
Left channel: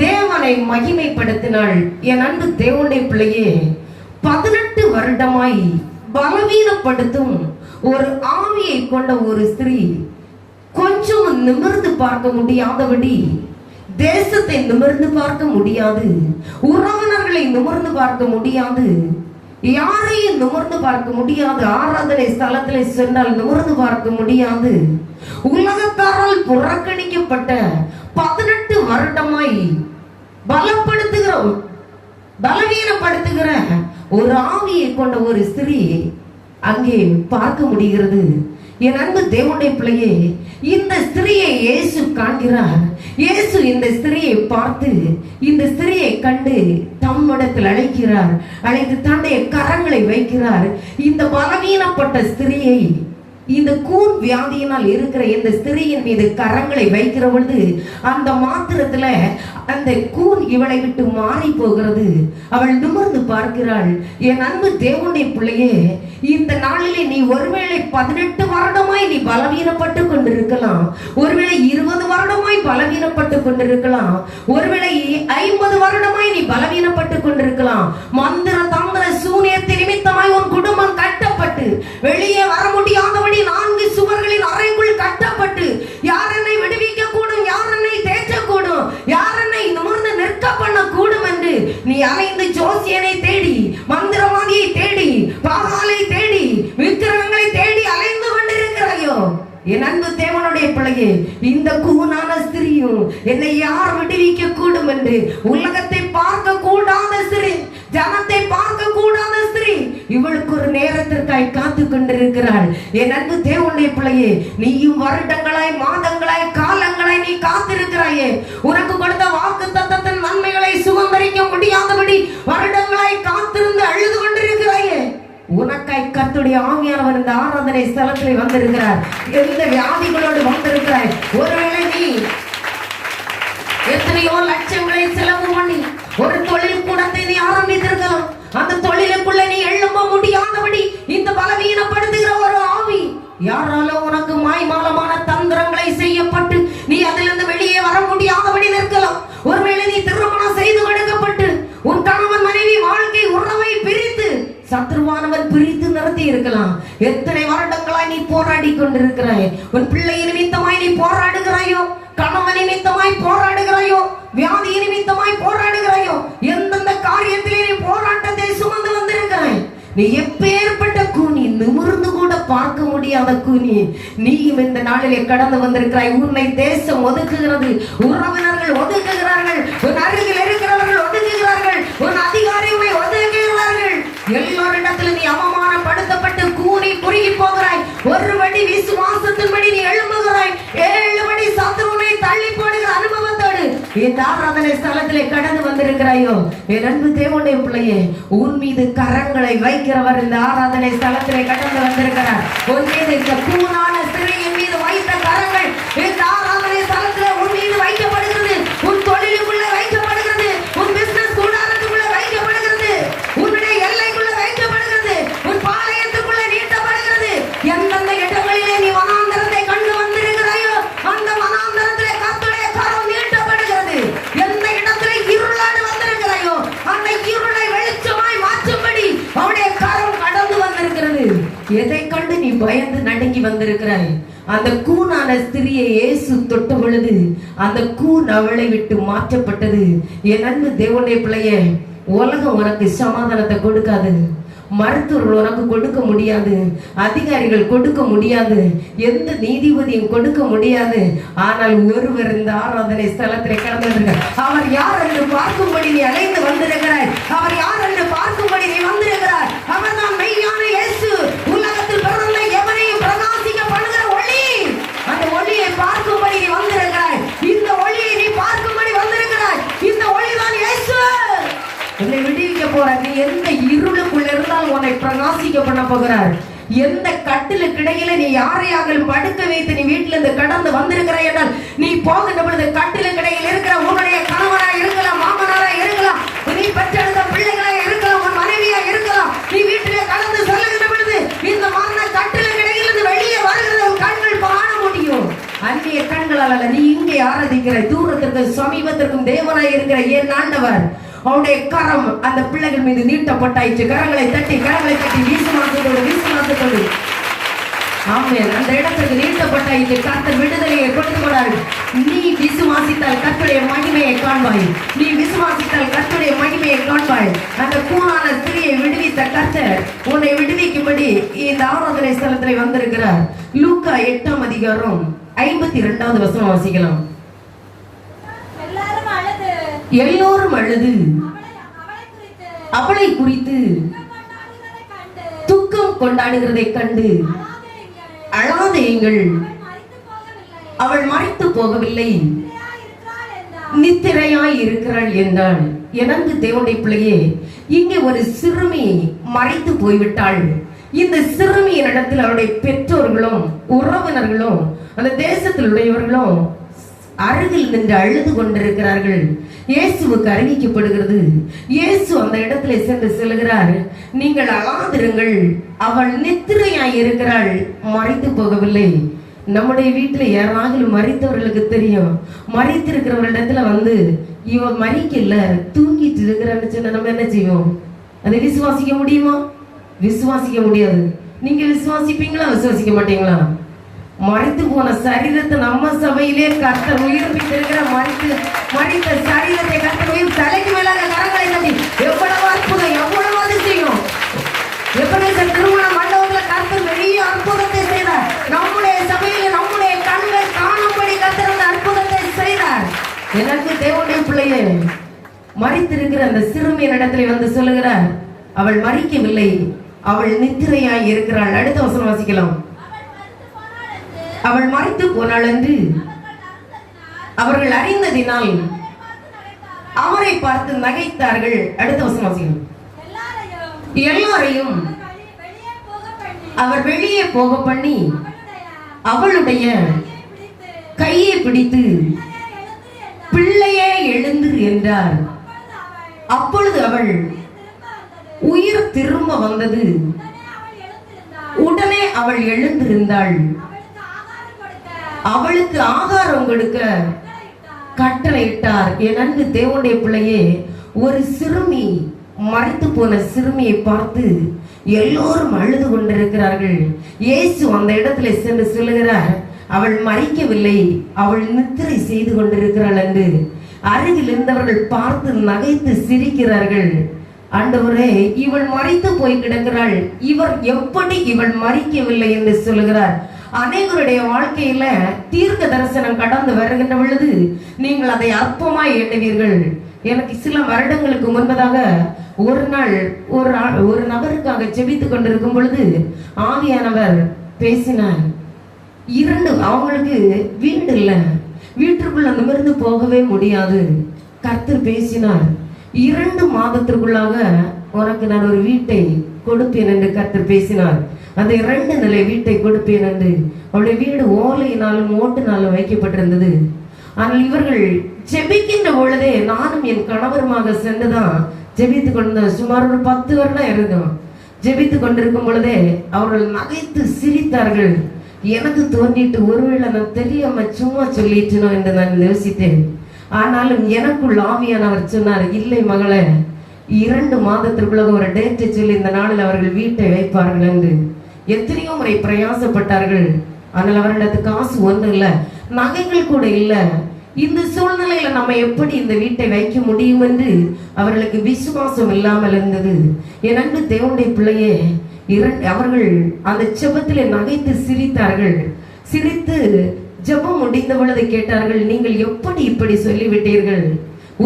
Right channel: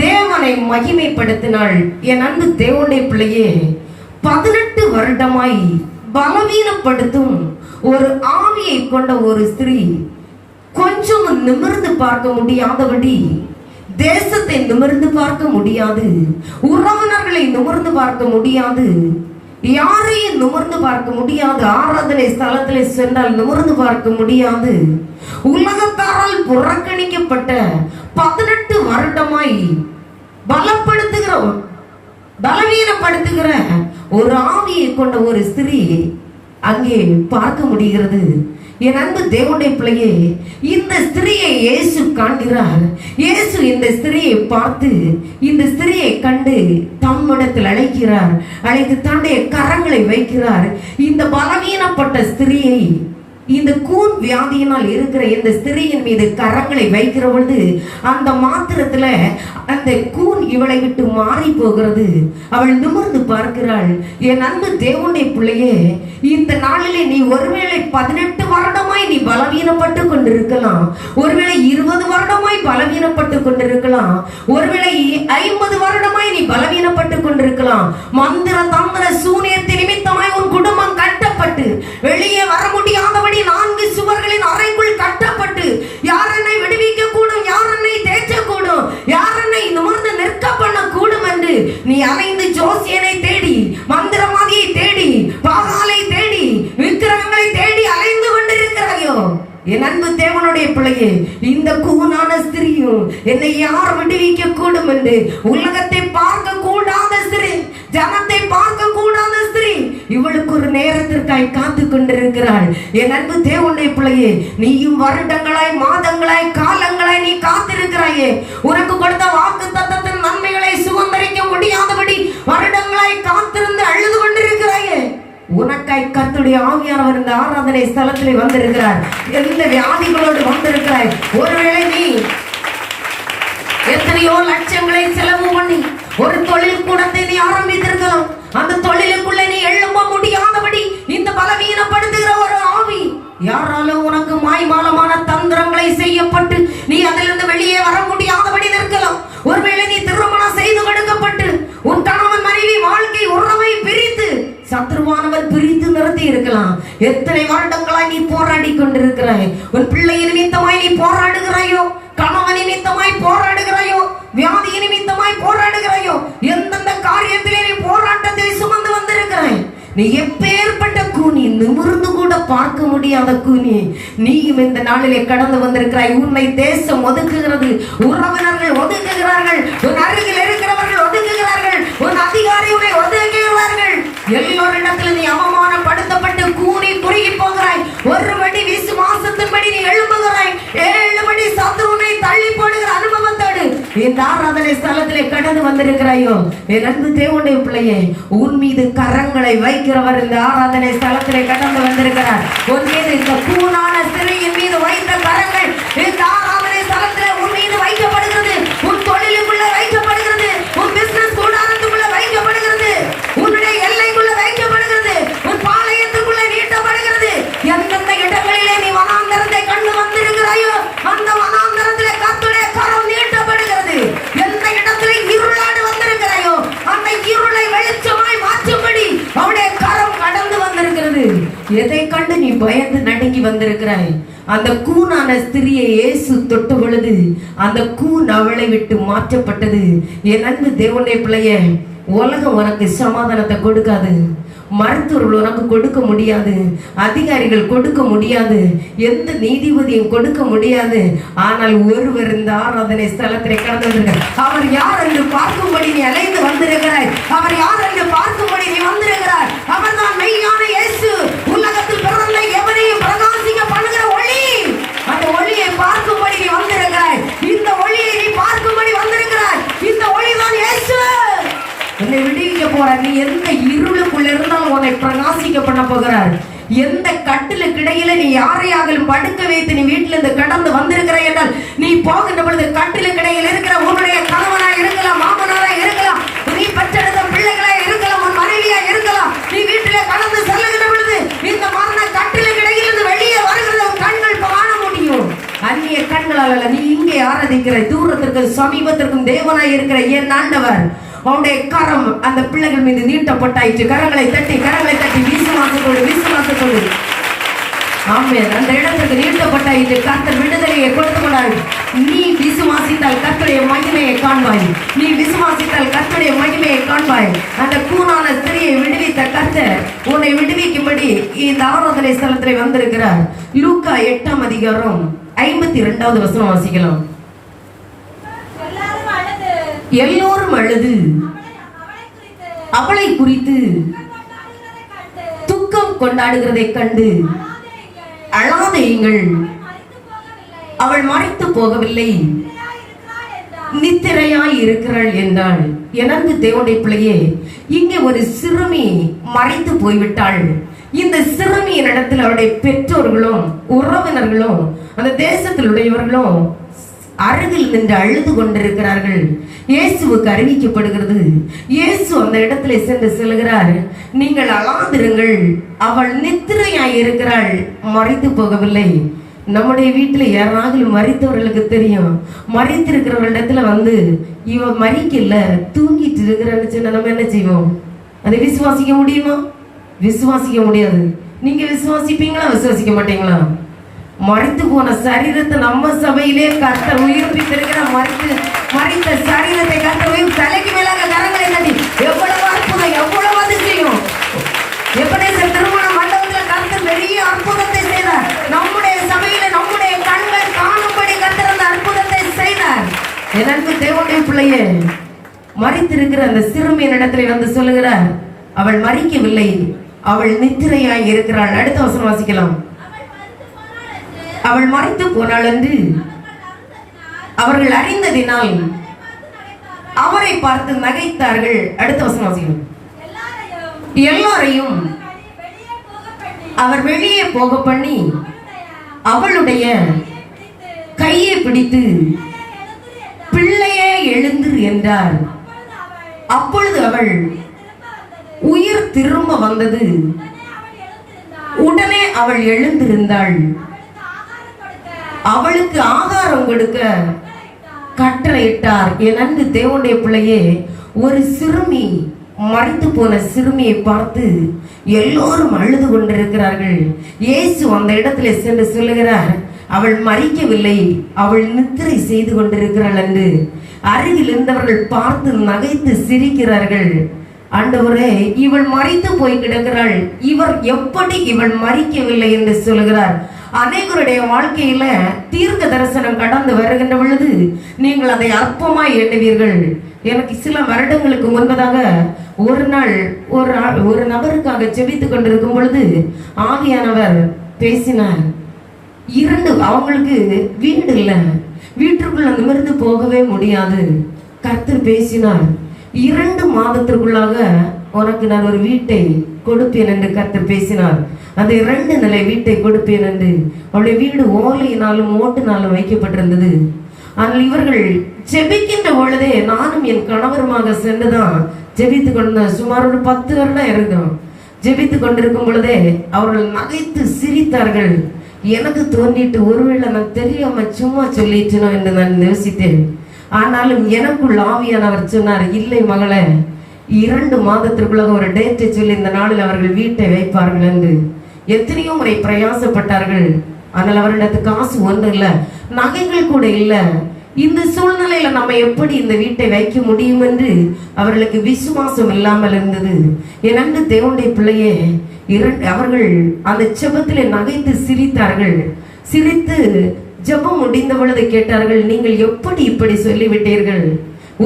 தேவனை மகிமைப்படுத்தினாள். என் அன்பு தேவனுடைய பிள்ளையே, 18 வருடமாய் பலவீனப்படுத்தும் ஒரு ஆவியை கொண்ட ஒரு ஸ்திரீ கொஞ்சம் நிமிர்ந்து பார்க்க முடியாதபடி, தேசத்தை நிமிர்ந்து பார்க்க முடியாது, உறவினர்களை நிமிர்ந்து பார்க்க முடியாது, யாரையும் நிமிர்ந்து பார்க்க முடியாது, ஆராதனை ஸ்தலத்திலே சென்றால் நிமிர்ந்து பார்க்க முடியாது, உலகத்தாரால் புறக்கணிக்கப்பட்ட 18 வருடமாய் பலவீனப்படுத்துகிற ஒரு ஆவியை கொண்ட ஒரு ஸ்திரீ அங்கே பார்க்க முடிகிறது. என் அன்பு தேவனுடைய பிள்ளையே, இந்த ஸ்திரியை இயேசு காண்கிறார். இயேசு இந்த ஸ்திரியை பார்த்து, இந்த ஸ்திரியை கண்டு தம்மிடத்தில் அழைக்கிறார். அழைத்து தன்னுடைய கரங்களை வைக்கிறார். இந்த பலவீனப்பட்ட ஸ்திரியை, இந்த கூன் வியாதியினால் இருக்கிற இந்த ஸ்திரியின் மீது கரங்களை வைக்கிற பொழுது அந்த மாத்திரத்துல அந்த கூன் இவளை விட்டு மாறி போகிறது. அவள் நிமிர்ந்து பார்க்கிறாள். என் அன்பு தேவனுடைய பிள்ளையே, இந்த நாளிலே நீ ஒருவேளை 18 வருடமாய் நீ பலவீனப்பட்டு கொண்டிருக்கலாம், ஒருவேளை 20 வருடமாய் பலவீனப்பட்டு கொண்டிருக்கலாம், ஒருவேளை 50 வருடமாய் நீ பலவீனப்பட்டு கொண்டிருக்கலாம். மந்திர தந்திர சூனியத்தை நிமித்தமாய் உன் குடும்பம் கட்டப்பட்டு வெளியே வர முடியாதபடி 4 சுவர்களின் அறைக்குள் கட்டப்பட்டு, யார் என்னை விடுவிக்க கூடும், யார் என்னை தேற்றக்கூடும், யார் என்னை நிமிர்ந்து நிற்க பண்ண கூடும் என்று நீ அலைந்து ஜோசியனை தேடி, மந்திரவாதியை தேடி, பாகாலை தேடி, விக்கிரகங்களை தேடி அலைந்து கொண்டிருக்கிறாயோ, என் அன்பு தேவனுடைய பிள்ளையே, இந்த கூனான ஸ்திரியும் என்னை யார் விடுவிக்க கூடும் என்று உலகத்தை பார்க்க கூடாத ஸ்திரீ, ஜனத்தை பார்க்க கூடாத ஸ்திரீ, இவளுக்கு ஒரு நேரத்திற்காய் காத்து கொண்டிருக்கிறாள். என் அன்பு தேவனுடைய பிள்ளையே, நீயும் வருடங்களாய், மாதங்களாய், காலங்களாய் நீ காத்திருக்கிறாயே. உனக்கு கொடுத்த வாக்கு தத்தத்தின் நன்மைகளை சுதந்திரிக்க முடியாதபடி வருடங்களாய் காத்திருந்து அழுது கொண்டிருக்கிறாயே. உனக்காய் கர்த்தருடைய ஆவியானவர் இந்த ஆராதனை ஸ்தலத்திலே வந்திருக்கிறார். எந்த வியாதிகளோடு வந்திருக்கிறாய்? ஒருவேளை நீ எத்தனையோ லட்சங்களை செலவு பண்ணி ஒரு தொழில் கூடத்தை நீ ஆரம்பித்திருக்கலாம். அந்த தொழிலுக்குள்ள நீ எழும்ப முடியாதபடி இந்த பலவீனப்படுத்துகிற ஒரு ஆவி, யாராலும் உனக்கு மாய்மாலமான தந்திரங்களை செய்யப்பட்டு நீ அதிலிருந்து வெளியே வர முடியாதபடி நிற்கலாம். ஒருவேளை நீ திருமணம் செய்து கொடுக்கப்பட்டு உன் கணவன் மனைவி வாழ்க்கை உறவை பிரித்து சத்ருவானவர் பிரித்து நிறுத்தி இருக்கலாம். எத்தனை வருடங்களாய் நீ போராடி கொண்டிருக்கிறாய். உன் பிள்ளை நிமித்தமாய் நீ போராடுகிறாயோ, கணவன் நிமித்தமாய் போராடுகிறாயோ, வியாதி நிமித்தமாய் போராடுகிறாயோ, எந்தெந்த காரியத்திலே நீ போராட்டத்தை சுமந்து வந்திருக்கிறாய். நீ எப்பேற்பட்ட கூனி, நிமிர்ந்து கூட பார்க்க முடியாத கூனி, நீயும் இந்த நாளிலே கடந்து வந்திருக்கிறாய். உன்னை தேசம் ஒதுக்குகிறது, உறவினர்கள் ஒதுக்குகிறார்கள், உன் அருகில் இருக்கிறவர்கள் ஒதுக்குகிறார்கள், உன் அதிகாரிகளை ஒதுக்குகிறார்கள். எல்லோரிடத்தில் நீ அவமானப்படுத்தப்பட்டு கூனி குறுகி போகிறாய். ஒருபடி விசுவாசத்தின்படி நீ எழுப்புகிறாய், 7 படி சத்ருவை தள்ளி போடுகிற அனுபவத்தோடு இந்த ஆராதனை ஸ்தலத்திலே கடந்து வந்திருக்கிறாயோ. என் அன்பு தேவனுடைய பிள்ளையே, உன் மீது கரங்களை வைக்கிறவர் இந்த ஆராதனை ஸ்தலத்திலே கடந்து வந்திருக்கிறார். உன் மீது இந்த கூனான ஸ்திரீயின் மீது வைத்த கரங்கள் இந்த நடுங்கி வந்திருக்கிறாய். அந்த கூனான ஸ்திரியை இயேசு தொட்ட பொழுது அந்த கூன் அவளை விட்டு மாற்றப்பட்டது. என் அன்பு தேவனுடைய பிள்ளையே, உலகம் உனக்கு சமாதானத்தை கொடுக்காது, மருத்துவர்கள் உனக்கு கொடுக்க முடியாது, அதிகாரிகள் கொடுக்க முடியாது, எந்த நீதிபதியும் கொடுக்க முடியாது. ஆனால் ஒருவர் இந்த ஆராதனை ஸ்தலத்தில் கடந்திருக்கிறார். அவர் யார் என்று பார்க்கும்படி நீ அழைத்து வந்திருக்கிறாய். அவர் யார் என்று பார்க்கும்படி நீ வந்திருக்கிறாய். அவர் தான் மெய்யான இயேசு. உலகத்தில் பிறந்த எவரையும் பிரகாசிக்க பண்ணுகிற ஒளி. அந்த ஒளியை பார்க்கும்படி நீ வந்திருக்கிறாய். இந்த ஒளியை நீ பார்க்கும்படி வந்திருக்கிறாய். இந்த ஒளி தான் இயேசு. என்னை விடுவிக்க போற நீ எந்த இருளுக்குள்ள இருந்தாலும் உன்னை பிரகாசிக்க பண்ண போகிறார். எந்த கட்டிலுக்கு இடையில நீ யாரையாகலும் படுக்க வைத்து நீ வீட்டில இருந்து கடந்து வந்திருக்கிற என்றால் நீ போகின்ற பொழுது கட்டிலுக்கு இடையில இருக்கிற உன்னுடைய கணவனா இருக்கலாம், மாமனாரா இருக்கலாம், நீ பெற்றெடுத்த பிள்ளைகளா இருக்கலாம், உன் மனைவியா இருக்கலாம். நீ வீட்டில கடந்து செல்லுகிற பொழுது இந்த மரண கட்டிலுக்கு இடையிலிருந்து வெளியே வருகிறத உன் கண்கள் காண முடியும். அந்நிய கண்களால் அல்ல, நீ இங்கே ஆராதிக்கிற தூரத்திற்கும் சமீபத்திற்கும் தேவனாய் இருக்கிற என் ஆண்டவர் அவருடைய கரம் அந்த பிள்ளைகள் மீது நீட்டப்பட்டாயிற்று. கரங்களை தட்டி விசுவாசத்தோடு ஆமென். அந்த இடத்துக்கு நீட்டப்பட்டாயிற்று. கர்த்தர் விடுதலையை கொடுத்துவிடாள். நீ விசுவாசித்தால் கர்த்தருடைய மகிமையை காண்பாய். நீ விசுவாசித்தால் கர்த்தருடைய மகிமையை காண்பாய். அந்த கூனான ஸ்திரியை விடுவித்த கர்த்தர் உன்னை விடுவிக்கும்படி இந்த ஆராதனை ஸ்தலத்தில் வந்திருக்கிறார். லூக்கா 8ஆம் அதிகாரம் 52வது வசனம் வாசிக்கலாம். எல்லோரும் அழுது அவளை குறித்து துக்கம் கொண்டாடுகிறதை கண்டு அழாதேயுங்கள், அவள் மறைத்து போகவில்லை, நித்திரையாய் இருக்கிறாள் என்றாள். எனது தேவனுடைய பிள்ளையே, இங்கே ஒரு சிறுமி மறைத்து போய்விட்டாள். இந்த சிறுமியின் இடத்தில் அவருடைய பெற்றோர்களும் உறவினர்களும் அந்த தேசத்தில் உடையவர்களும் அருகில் நின்று அழுது கொண்டிருக்கிறார்கள். இயேசுவுக்கு அறிவிக்கப்படுகிறது. இயேசு அந்த இடத்துல சென்று செல்கிறார். நீங்கள் அழாதிருங்கள், அவள் நித்திரையாய் இருக்கிறாள், மறைத்து போகவில்லை. நம்முடைய வீட்டுல யாராவது மறித்தவர்களுக்கு தெரியும். மறித்திருக்கிறவரிடத்துல வந்து இவ மறிக்கல, தூங்கிட்டு இருக்கிறான்னு சொன்னா நம்ம என்ன செய்வோம்? அதை விசுவாசிக்க முடியுமா? விசுவாசிக்க முடியாது. நீங்க விசுவாசிப்பீங்களா? விசுவாசிக்க மாட்டீங்களா? மறித்து போன சரீரத்தை நம்ம சபையிலே கர்த்தர் உயிர்ப்பித்திருக்கிற மறித்த சரீரத்தை கர்த்தரையும் தலைக்கு மேலாக கரங்களை நடி. எவ்வளவு அற்புதம், எவ்வளவு அதிசயம்! எப்படி திருமண மண்டபத்தில் கர்த்தர் பெரிய அற்புதத்தை செய்தார். நம்முடைய சபையில நம்முடைய கண்கள் காணும்படி கர்த்தர் அந்த அற்புதத்தை செய்தார். எனக்கு தேவனுடைய பிள்ளையே, மறித்திருக்கிற அந்த சிறுமியின் இடத்துல வந்து சொல்லுகிறார், அவள் மறிக்கவில்லை, அவள் நித்திரையாய் இருக்கிறாள். அடுத்த வசனம் வாசிக்கலாம். அவள் மறைத்து போனாள் என்று அவர்கள் அறிந்ததினால் அவரை பார்த்து நகைத்தார்கள். அடுத்த வசனம் வாசிக்கலாம். எல்லாரையும் அவர் வெளியே போக பண்ணி அவளுடைய கையை பிடித்து பிள்ளையே எழுந்திரு என்றார். அப்பொழுது அவள் உயிர் திரும்ப வந்தது. உடனே அவள் எழுந்திருந்தாள். அவளுக்கு ஆகாரம் கொடுக்க கட்டளையிட்டார். என் அன்பு தேவனுடைய பிள்ளையே, ஒரு சிறுமி, மறித்து போன சிறுமியை பார்த்து எல்லோரும் அழுது கொண்டிருக்கிறார்கள். இயேசு அந்த இடத்துல சென்று சொல்லுகிறார், அவள் மறிக்கவில்லை, அவள் நித்திரை செய்து கொண்டிருக்கிறாள் என்று. அருகில் இருந்தவர்கள் பார்த்து நகைத்து சிரிக்கிறார்கள். ஆண்டவரே, இவள் மறித்து போய் கிடக்கிறாள், இவர் எப்படி இவள் மறிக்கவில்லை என்று சொல்லுகிறார். அனைவருடைய வாழ்க்கையில தீர்க்க தரிசனம் கடந்து வருகின்ற பொழுது நீங்கள் அதை அற்பமாய் எண்ணுவீர்கள். எனக்கு சில வருடங்களுக்கு முன்பதாக ஒரு நாள் ஒரு நபருக்காக ஜெபித்துக் கொண்டிருக்கும் பொழுது ஆவியானவர் பேசினார். அவங்களுக்கு வீடு இல்ல, வீட்டுக்குள்ள அந்த மருந்து போகவே முடியாது. கர்த்தர் பேசினார், 2 மாதத்திற்குள்ளாக உனக்கு நான் ஒரு வீட்டை கொடுப்பேன் என்று கர்த்தர் பேசினார். அந்த 2 நிலை வீட்டை கொடுப்பேன் என்று. அவளுடைய வீடு ஓலையினாலும் ஓட்டுனாலும் வைக்கப்பட்டிருந்தது. ஆனால் இவர்கள் ஜெபிக்கின்ற பொழுதே நானும் என் கணவருமாக சென்றுதான் ஜெபித்து கொண்டிருந்தோம். சுமார் ஒரு 10 வருடம் இருந்தோம். ஜெபித்து கொண்டிருக்கும் பொழுதே அவர்கள் நகைத்து சிரித்தார்கள். எனக்கு தோன்றிட்டு ஒருவேளை நான் தெரியாம சும்மா சொல்லிட்டணும் என்று நான் யோசித்தேன். ஆனாலும் எனக்குள் ஆவியானவர் சொன்னார், இல்லை மகளே, 2 மாதத்திற்குள்ள ஒரு டேட்டை சொல்லி இந்த நாளில் அவர்கள் வீட்டை வைப்பார்கள் என்று. எத்தனையோ முறை பிரயாசப்பட்டார்கள். ஆனால் அவரிடத்து காசு ஒன்று இல்ல, நகைகள் கூட இல்ல. இந்த சூழ்நிலையில நம்ம எப்படி இந்த வீட்டை வைக்க முடியும் என்று அவர்களுக்கு விசுவாசம் இல்லாமல் இருந்தது. என் அன்பு தேவனுடைய பிள்ளையே, அவர்கள் அந்த ஜெபத்திலே நகைத்து சிரித்தார்கள். சிரித்து ஜெபம் முடிந்த பொழுது கேட்டார்கள், நீங்கள் எப்படி இப்படி சொல்லிவிட்டீர்கள்?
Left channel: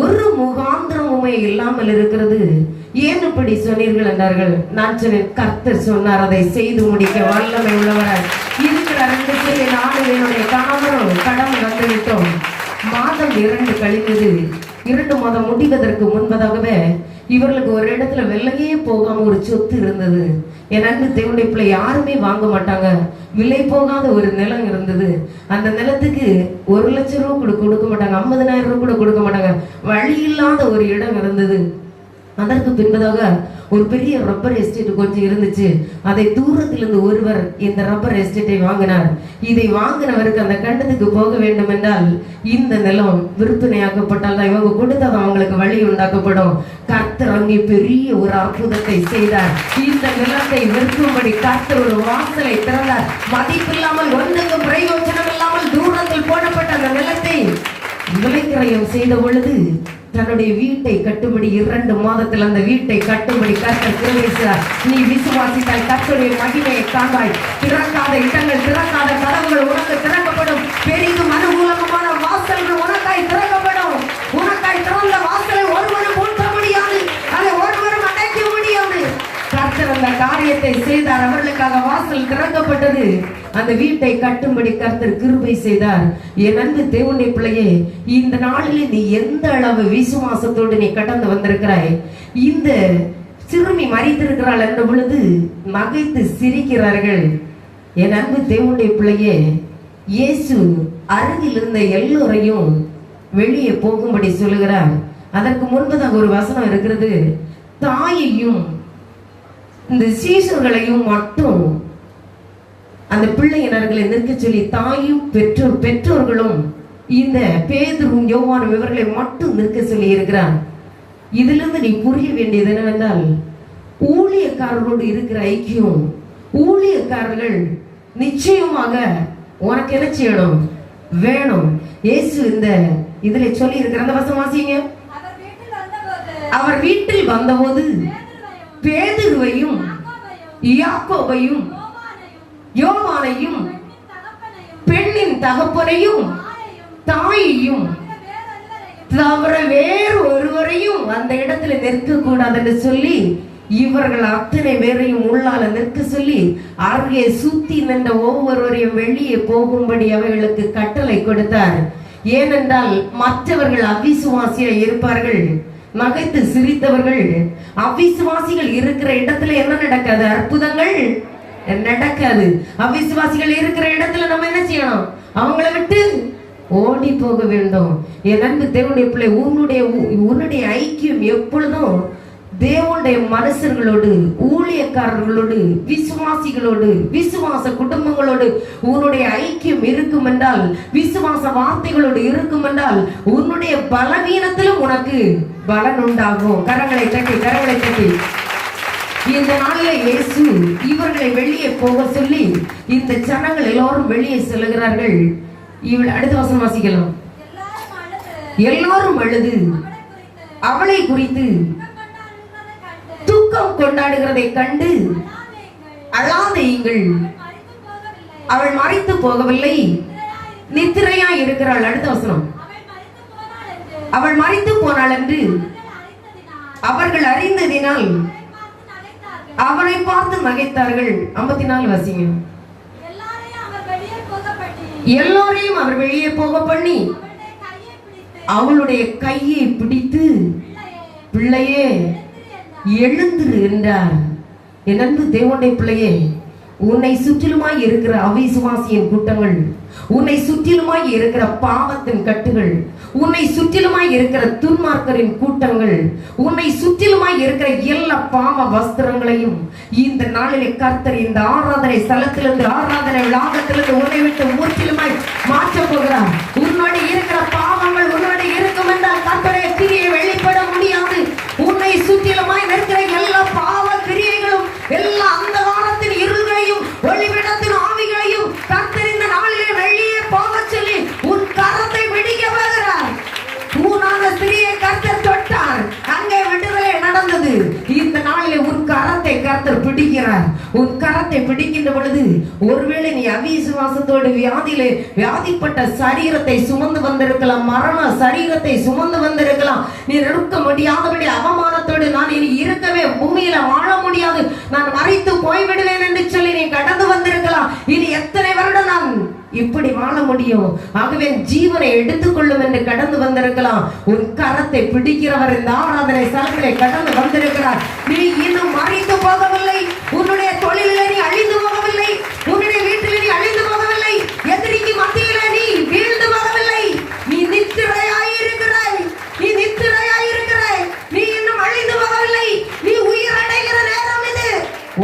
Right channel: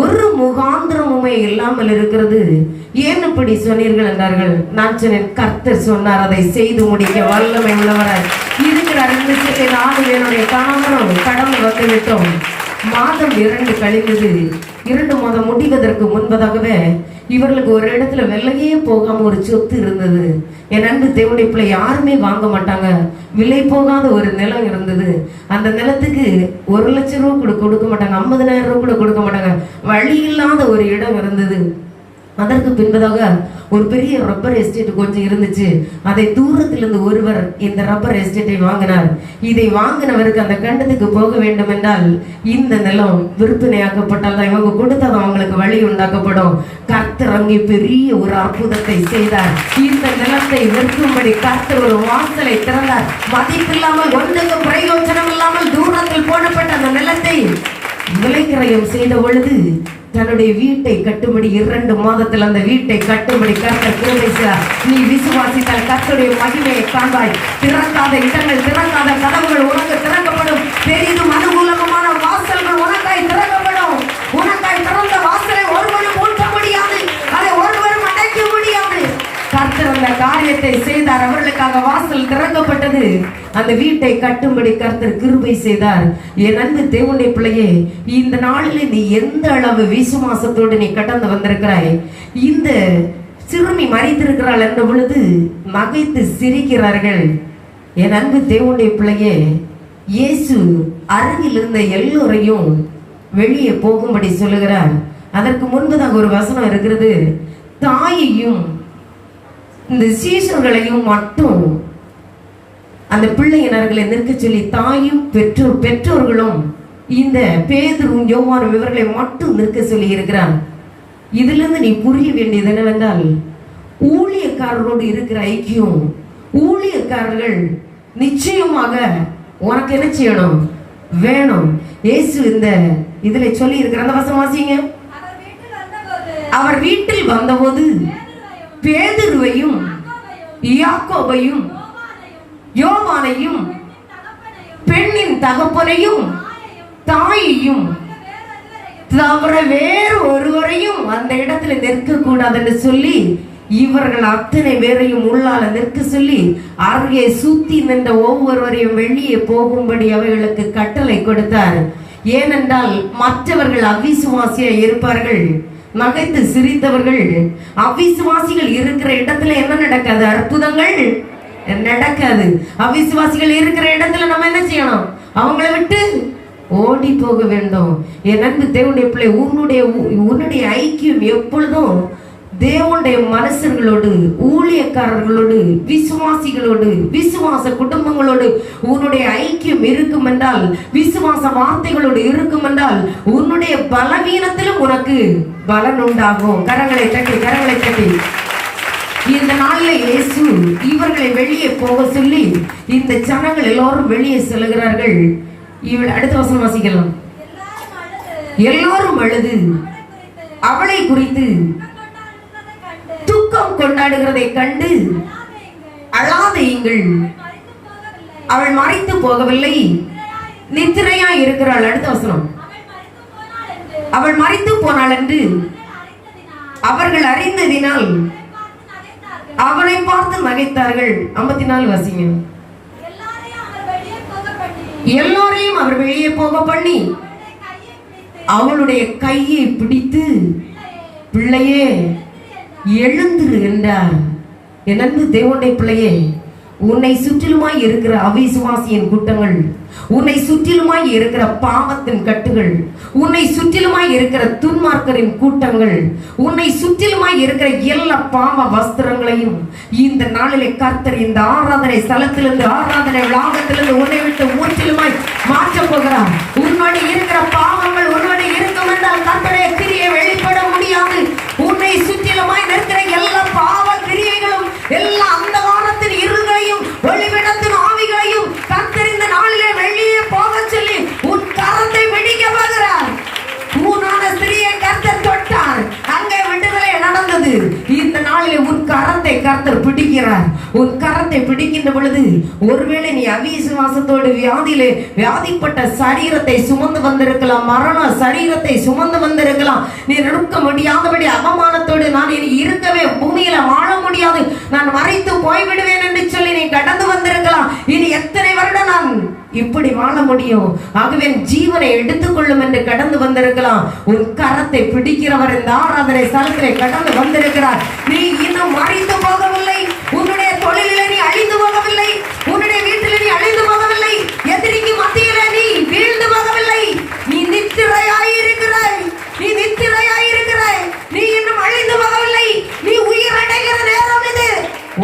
ஒரு முகாந்திரமுமே இல்லாமல் இருக்கிறது, ஏன் இப்படி சொன்னீர்கள் என்றார்கள். நான் சொன்னேன், கர்த்தர் சொன்னார், அதை செய்து முடிக்க வல்லமை உள்ளவராய் இருக்கிறார் என்று சொல்லி நானும் என்னுடைய கணவரும் கடவுள் வந்துவிட்டோம். மாதம் 2 கழிந்தது. 2 மாதம் முடிவதற்கு முன்பதாகவே இவர்களுக்கு ஒரு இடத்துல வெள்ளையே போகாம ஒரு சொத்து இருந்தது. என் அன்பு தேவனுடைய பிள்ளை, யாருமே வாங்க மாட்டாங்க, விலை போகாத ஒரு நிலம் இருந்தது. அந்த நிலத்துக்கு 1 லட்சம் ரூபாய் கூட கொடுக்க மாட்டாங்க, 50,000 ரூபாய் கூட கொடுக்க மாட்டாங்க. வழி இல்லாத ஒரு இடம் இருந்தது. அதற்கு பின்பதாக ஒரு பெரிய ரப்பர் எஸ்டேட் கொஞ்சம் இருந்துச்சு. அதை தூரத்திலிருந்து ஒருவர் இந்த ரப்பர் எஸ்டேட்டை வாங்கினார். இதை வாங்கினவருக்கு அந்த கண்டத்துக்கு போக வேண்டும் என்றால் இந்த நிலம் விற்பனையாக்கப்பட்டால் தான் இவங்க கொடுத்தது அவங்களுக்கு வழி உண்டாக்கப்படும். கர்த்தர் அங்கே பெரிய ஒரு அற்புதத்தை செய்தார். இந்த நிலத்தை விற்கும்படி கர்த்தர் ஒரு வாசலை திறந்தார். மதிப்பில்லாமல் ஒன்றுக்கு பிரயோஜனம் இல்லாமல் தூரத்தில் போடப்பட்ட அந்த நிலத்தை விலைக்கிரயம் செய்த பொழுது தன்னுடைய வீட்டை கட்டும்படி 2 மாதத்தில் அந்த வீட்டை கட்டும்படி கர்த்தர் கிருபை செய்தார். நீ விசுவாசித்தால் கர்த்தருடைய மகிமையை காண்பாய். திறக்காத இடங்கள், திறக்காத கதவுகள் உனக்கு திறக்கப்படும். பெரிதும் அனுகூலமான வாசல்கள் உனக்காய் திறக்கப்படும். உனக்காய் திறந்த வாசலை ஒருவரும் பூட்ட முடியாது, அதை ஒருவரும் அடைக்க முடியாது. கர்த்தர் அந்த காரியத்தை செய்தார். அவர்களுக்காக வாசல் திறக்கப்பட்டது. அந்த வீட்டை கட்டும்படி கர்த்தர் கிருபை செய்தார். என் அன்பு தேவனுடைய பிள்ளையே, இந்த நாளிலே நீ எந்த அளவு விசுவாசத்தோடு நீ கடந்து வந்திருக்கிறாய். இந்த சிறுமி மறித்திருக்கிறாள் என்ற பொழுது நகைத்து சிரிக்கிறார்கள். என் அன்பு தேவனுடைய பிள்ளையே, இயேசு அருகில் இருந்த எல்லோரையும் வெளியே போகும்படி சொல்லுகிறார். அதற்கு முன்பதாக ஒரு வசனம் இருக்கிறது, தாயையும் இந்த சீஷர்களையும் மட்டும் அந்த பிள்ளையினர்களை நிற்க சொல்லி தாயும் பெற்றோர்களும் இந்த பேதுரும் யோவானும் இவர்களை மட்டும் நிற்க சொல்லி இருக்கிறார். இதிலிருந்து நீ புரிய வேண்டியது என்னவென்றால், ஊழியக்காரர்களோடு இருக்கிற ஐக்கியம், ஊழியக்காரர்கள் நிச்சயமாக உனக்கு என்ன செய்யணும் வேணும். இயேசு இந்த இதுல சொல்லி இருக்கிற அந்த வசனம் வாசிங்க. அவர் வீட்டில் வந்தபோது பேதுருவையும் யாக்கோபையும் யோவானையும் பெண்ணின் தகப்பனையும் தாயையும் தவிர வேறு ஒருவரையும் அந்த இடத்துல நிற்க கூடாது என்று சொல்லி இவர்கள் அத்தனை பேரையும் உள்ளால நிற்க சொல்லி அருகே சுத்தி நின்ற ஒவ்வொருவரையும் வெளியே போகும்படி அவர்களுக்கு கட்டளை கொடுத்தார். ஏனென்றால் மற்றவர்கள் அவிசுவாசியா இருப்பார்கள், நகைத்து சிரித்தவர்கள். அவிசுவாசிகள் இருக்கிற இடத்துல என்ன நடக்காது? அற்புதங்கள் நடக்காது. அவிசுவாசிகள் இருக்கிற இடத்துல நம்ம என்ன செய்யணும்? அவங்களை விட்டு ஓடி போக வேண்டும். என் அன்பு தேவனுடைய பிள்ளை, உன்னுடைய ஐக்கியம் எப்பொழுதும் தேவனுடைய மனுஷர்களோடு, ஊழியக்காரர்களோடு, விசுவாசிகளோடு, விசுவாச குடும்பங்களோடு உன்னுடைய ஐக்கியம் இருக்கும் என்றால், விசுவாச வார்த்தைகளோடு இருக்கும் என்றால், உன்னுடைய பலவீனத்திலும் உனக்கு பலன் உண்டாகும். கரங்களை தட்டி, கரங்களை தட்டி. இந்த நாளில் இயேசு இவர்களை வெளியே போக சொல்லி இந்த ஜனங்கள் எல்லோரும் வெளியே செல்கிறார்கள். அடுத்த வசனம் வாசிக்கலாம். எல்லோரும் அழுது அவளை குறித்து துக்கம் கொண்டாடுகிறதை கண்டு அழாதீங்கள், அவள் மறைத்து போகவில்லை, நித்திரையா இருக்கிறாள். அடுத்த வசனம். அவள் மறைத்து போனாள் என்று அவர்கள் அறிந்ததினால் அவனை பார்த்து நகைத்தார்கள். 54 வாசிங்க. எல்லோரையும் அவர் வெளியே போக பண்ணி அவளுடைய கையை பிடித்து, பிள்ளையே எழுந்துரு என்றார். என் அன்பு தேவனுடைய பிள்ளையே, உன்னை சுற்றிலுமாய் இருக்கிற அவிசுவாசியின் கூட்டங்கள், உன்னை சுற்றிலுமாய் இருக்கிற பாவத்தின் கட்டுகள், உன்னை சுற்றிலுமாய் இருக்கிற துன்மார்க்கரின் கூட்டங்கள், உன்னை சுற்றிலுமாய் இருக்கிற எல்லா பாவ வஸ்திரங்களையும் இந்த நாளிலே கர்த்தர் இந்த ஆராதனை ஸ்தலத்திலிருந்து, ஆராதனை லாகத்திலிருந்து உன்னை விட்டு முற்றிலுமாய் மாற்ற போகிறார். உன்னோடு இருக்கிற பாவங்கள் உன்னோடு இருக்கும் என்றால் கர்த்தருடைய கிரியை வெளிப்பட முடியாது. உன்னை சுற்றிலுமாய் நிற்கிற எல்லா பாவ கிரியைகளும், எல்லா அந்த வாரத்தின் இருள்களையும் வருகிறார். உன் கரத்தை பிடிக்கின்ற பொழுது ஒருவேளை நீ அவிசுவாசத்தோடு வியாதிப்பட்ட சரீரத்தை சுமந்து வந்திருக்கலாம், மரண சரீரத்தை சுமந்து வந்திருக்கலாம். நீ இருக்க முடியாதபடி அவமானத்தோடு நான் இனி இருக்கவே பூமியில வாழ முடியாது, நான் மறைத்து போய்விடுவேன் என்று சொல்லி நீ கடந்து வந்திருக்கலாம். இனி எத்தனை வருடம் நான் இப்படி வாழ முடியும், ஆகவே ஜீவனை எடுத்துக்கொள்ளும் என்று கடந்து வந்திருக்கலாம். உன் கரத்தை பிடிக்கிறவர் இந்த ஆராதனை ஸ்தலத்திலே கடந்து வந்திருக்கிறார். நீ இன்னும் மறைந்து போகவில்லை, உன்னுடைய தொழிலிலே நீ அழிந்து போகவில்லை, உன்னுடைய வீட்டிலே நீ அழிந்து போகவில்லை, எதிரிக்கு மத்தியிலே நீ வீழ்ந்து போகவில்லை. நீ நித்திரையாயிருக்கிறாய், நீ நித்திரையாயிருக்கிறாய், நீ இன்னும் அழிந்து போகவில்லை. நீ உயிர் அடைகிற நேரம் இது.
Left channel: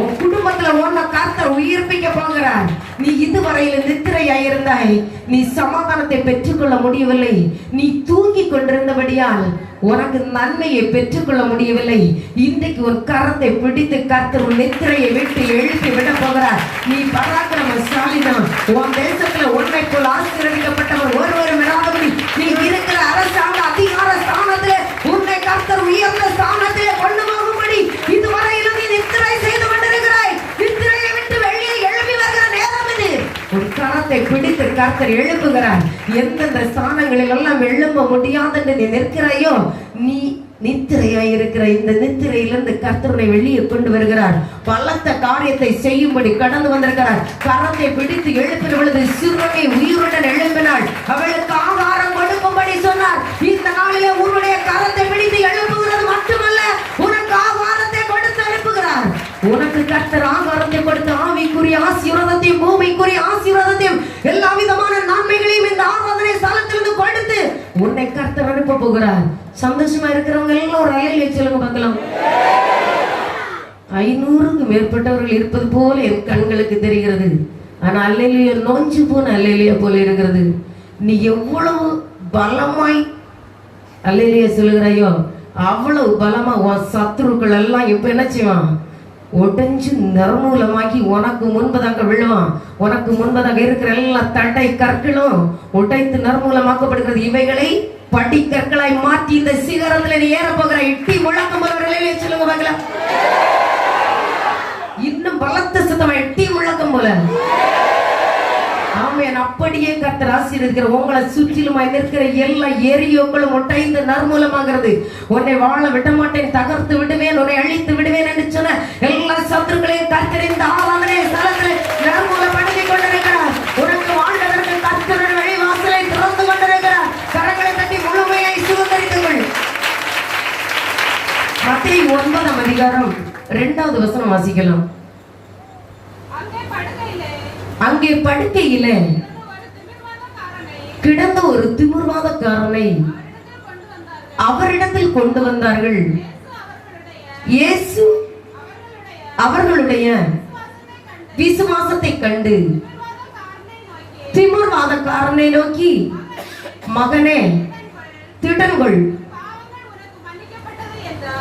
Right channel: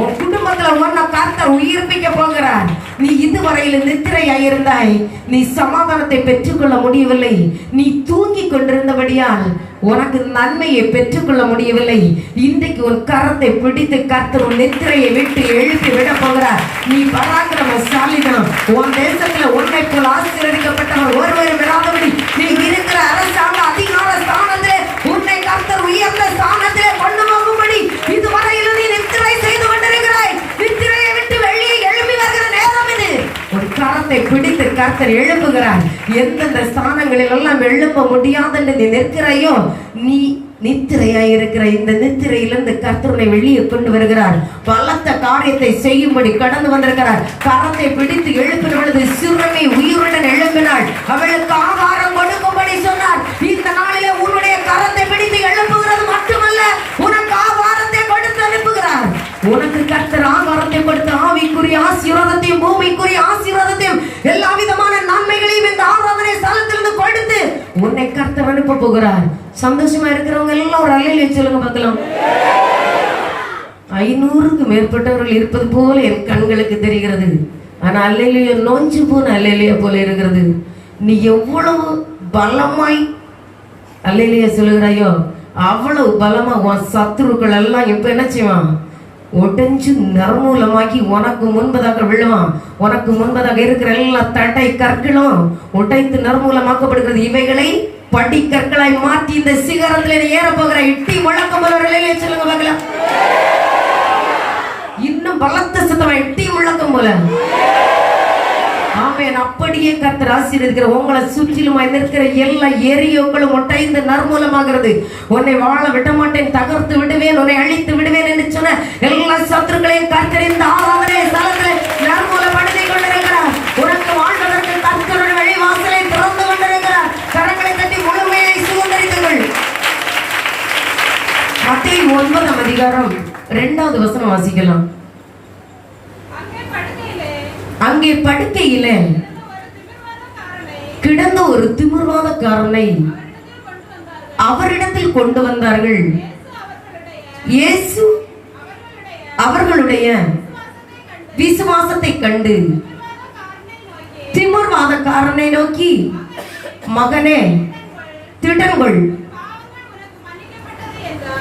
உன் குடும்பத்துல ஒன்ன கர்த்தர் உயிர்ப்பிக்க போகிறார். நீ இதுவரையில் நித்திரையாயிருந்தாய், நீ சமாதானத்தை பெற்றுக்கொள்ள முடியவில்லை, நீ தூங்கி கொண்டிருந்தபடியால் உனக்கு நன்மையை பெற்றுக்கொள்ள முடியவில்லை. இன்றைக்கு உன் கரத்தை பிடித்து கர்த்தர் உன் நித்திரையை விட்டு எழுப்பி விட போகிறார். நீ பராக்கிரமசாலிதான். உன் தேசத்துல உன்னை போல் ஆசீர்வதிக்கப்பட்டவர் ஒருவரும் விடாதபடி நீ இருக்கிற அரசாங்க அதிகார ஸ்தானத்திலே உன்னை கர்த்தர் உயர்ந்த ஸ்தானத்திலே கொண்டு போகும்படி இதுவரையில் நீ நித்திரை செய்து கொண்டிருக்கிறாய். நித்திரையை விட்டு வெளியே எழுப்பி வருகிற நேரம் இது. உன் கரத்தை பிடித்து கர்த்தர் எழுப்புகிறார். எந்தெந்த ஸ்தானங்களில் எல்லாம் எழுப்ப முடியாது என்று நீ நிற்கிறாயோ, நீ நித்திரையாய் இருக்கிற இந்த நித்திரையிலிருந்து கர்த்தரை வெளியே கொண்டு வருகிறார். பலத்த காரியத்தை செய்யும்படி கடந்து வந்திருக்கிறார். கரத்தை பிடித்து எழுப்பின பொழுது சிறுமி உயிருடன் எழுப்பினாள். அவளுக்கு ஆகாரம் கொடுக்கும்படி சொன்னார். இந்த நாளிலே உன்னுடைய கரத்தை பிடித்து எழுப்புகிறது மட்டுமல்ல, உனக்கு ஆகாரத்தை கொடுத்து எழுப்புகிறார். உனக்கு கர்த்தர் ஆகாரத்தை கொடுத்து ஆவிக்குரிய ஆசீர்வாதத்தையும் பூமிக்குரிய ஆசீர்வாதத்தையும் எல்லா விதமான நன்மைகளையும் இந்த ஆராதனை ஸ்தலத்திலிருந்து கொடுத்து உன்னை கர்த்தர் அனுப்ப போகிறார். சந்தோஷமா இருக்கிறவங்க எல்லாம் ஒரு அல்லேலூயா சொல்லுங்க பார்க்கலாம். 500க்கு மேற்பட்டவர்கள் இருப்பது போல என் கண்களுக்கு தெரிகிறது. ஆனா அல்லேலூயா நோஞ்சு போன அல்லேலூயா போல இருக்கிறது. நீ எவ்வளவு பலமாய் அல்லேலூயா சொல்லுகிறாயோ அவ்வளவு பலமா உன் சத்துருக்கள் எல்லாம் இப்ப என்ன செய்வான், உடைஞ்சு நறுமூலமாக்கி உனக்கு முன்பதாக விழுவான். உனக்கு முன்பதாக இருக்கிற எல்லா தடை கற்களும் உடைத்து நறுமூலமாக்கப்படுகிறது. இவைகளை படிக்கற்களாய் மாற்றி இந்த சிகரத்தில் ஏற போகிற இட்டி முழக்கம் சொல்லுங்க பார்க்கலாம். இன்னும் பலத்த சத்தமா இட்டி முழக்கம் போல. ஆமென். அப்படியே கர்த்தர் ஆசீர்வதிக்கிற உங்களை சுற்றிலும் இருக்கிற எல்லா எரியோக்களும் ஒட்டைந்து நறுமூலமாகிறது. உன்னை வாழ விட மாட்டேன், தகர்த்து விடுவேன், உன்னை அழித்து விடுவேன் என்று சொன்ன எல்லா சத்துருக்களையும் கர்த்தர் இந்த ஆராதனை ஸ்தலத்திலே நறுமூலப்படுத்தி கொண்டிருக்கிறார். உனக்கு வாழ்வதற்கு கர்த்தர் வழி வாசலை திறந்து கொண்டிருக்கிறார். கரங்களை தட்டி முழுமையை சுதந்திரித்தீர்கள். மத்தேயு 9ஆம் அதிகாரம் 2வது வசனம் வாசிக்கலாம். அங்கே படுக்கையிலே கிடந்த ஒரு திமிர்வாதக்காரனை அவரிடத்தில் கொண்டு வந்தார்கள். இயேசு அவர்களுடைய விசுவாசத்தை கண்டு திமிர்வாதக்காரனை நோக்கி, மகனே திடன்கொள்,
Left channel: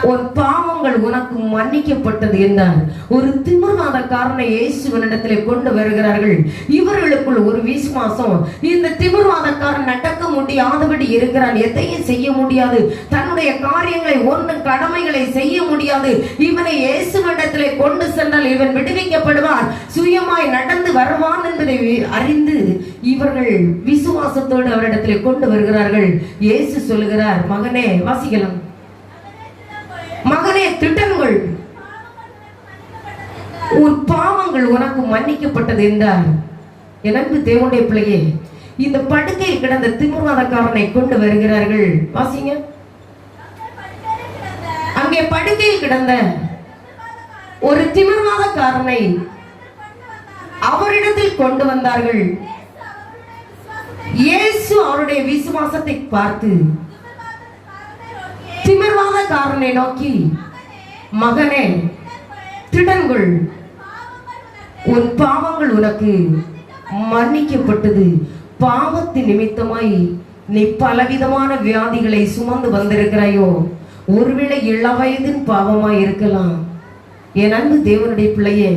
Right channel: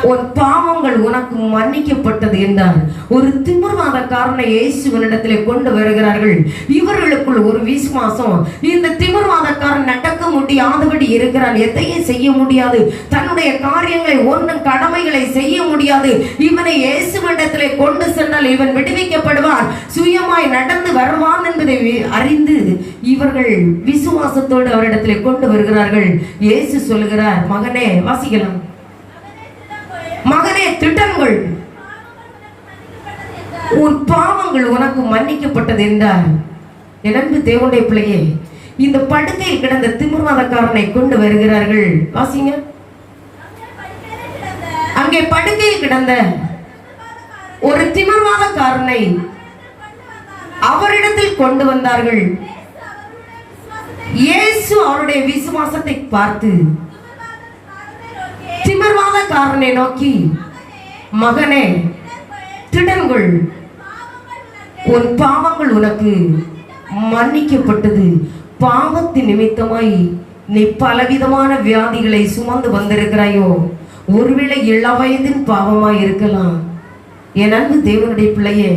உன் பாவங்கள் உனக்கு மன்னிக்கப்பட்டது என்றார். ஒரு திமிர்வாதக்காரனை இயேசுவினிடத்திலே கொண்டு வருகிறார்கள். இவர்களுக்குள் ஒரு விசுவாசம். இந்த திமிர்வாதக்காரன் நடக்க முடியாதபடி இருக்கிறான், எதையும் செய்ய முடியாது, தன்னுடைய காரியங்களை ஒன்றும் கடமைகளை செய்ய முடியாது. இவனை இயேசுவினிடத்திலே கொண்டு சென்றால் இவன் விடுவிக்கப்படுவான், சுயமாய் நடந்து வருவான் என்பதை அறிந்து இவர்கள் விசுவாசத்தோடு அவரிடத்திலே கொண்டு வருகிறார்கள். இயேசு சொல்லுகிறார், மகனே, வாசிக்கலாம், மகனே திட்டங்கள், உன் பாவங்கள் உனக்கு மன்னிக்கப்பட்டது என்றார். எனக்கு தேவனுடைய பிள்ளையே, இந்த படுக்கையில் கிடந்த திமிர்வாதக்காரனை கொண்டு வருகிறார்கள். வாசிங்க. அங்கே படுக்கையில் கிடந்த ஒரு திமிர்வாதக்காரனை அவரிடத்தில் கொண்டு வந்தார்கள். இயேசு அவருடைய விசுவாசத்தை பார்த்து திமிர்வாதக்காரனை நோக்கி, மகனே திடன்கொள், உன் பாவங்கள் உனக்கு மன்னிக்கப்பட்டது. பாவத்தின் நிமித்தமாய் நீ பலவிதமான வியாதிகளை சுமந்து வந்திருக்கிறாயோ, ஒருவேளை இளவயதின் பாவமாய் இருக்கலாம். என் அன்பு தேவனுடைய பிள்ளையே,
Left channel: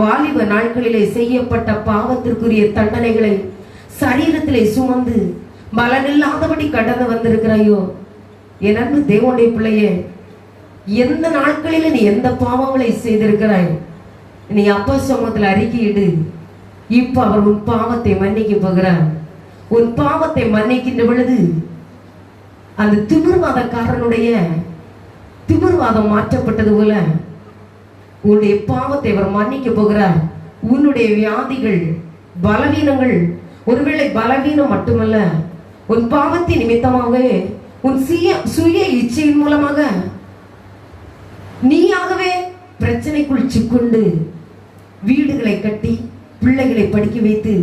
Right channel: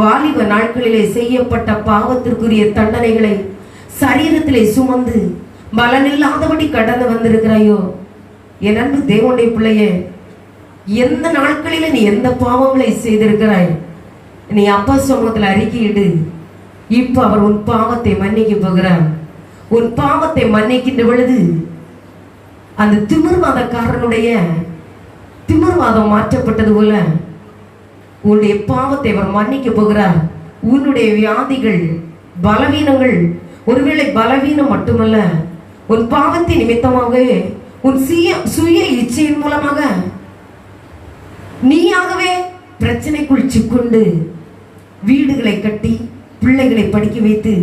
வாலிப நாட்களிலே செய்யப்பட்ட பாவத்திற்குரிய தண்டனைகளை சரீரத்திலே சுமந்து பலனில்லாதபடி கடந்து வந்திருக்கிறாயோ, என் அன்பு தேவனுடைய பிள்ளையே, எந்த நாட்களில் நீ எந்த பாவங்களை செய்திருக்கிறாய், நீ அப்பா சமூகத்தில் அறிக்கையிடு. இப்ப அவர் உன் பாவத்தை மன்னிக்க போகிறார். உன் பாவத்தை மன்னிக்கின்ற பொழுது அந்த திமிர்வாதக்காரனுடைய திமிர்வாதம் மாற்றப்பட்டது போல உன்னுடைய பாவத்தை அவர் மன்னிக்க போகிறார். உன்னுடைய வியாதிகள், பலவீனங்கள், ஒருவேளை பலவீனம் மட்டுமல்ல, உன் பாவத்தின் நிமித்தமாக உன் சுய இச்சையின் மூலமாக நீயாகவே பிரச்சனைக்குள் சிக்கொண்டு வீடுகளை கட்டி பிள்ளைகளை படிக்க வைத்து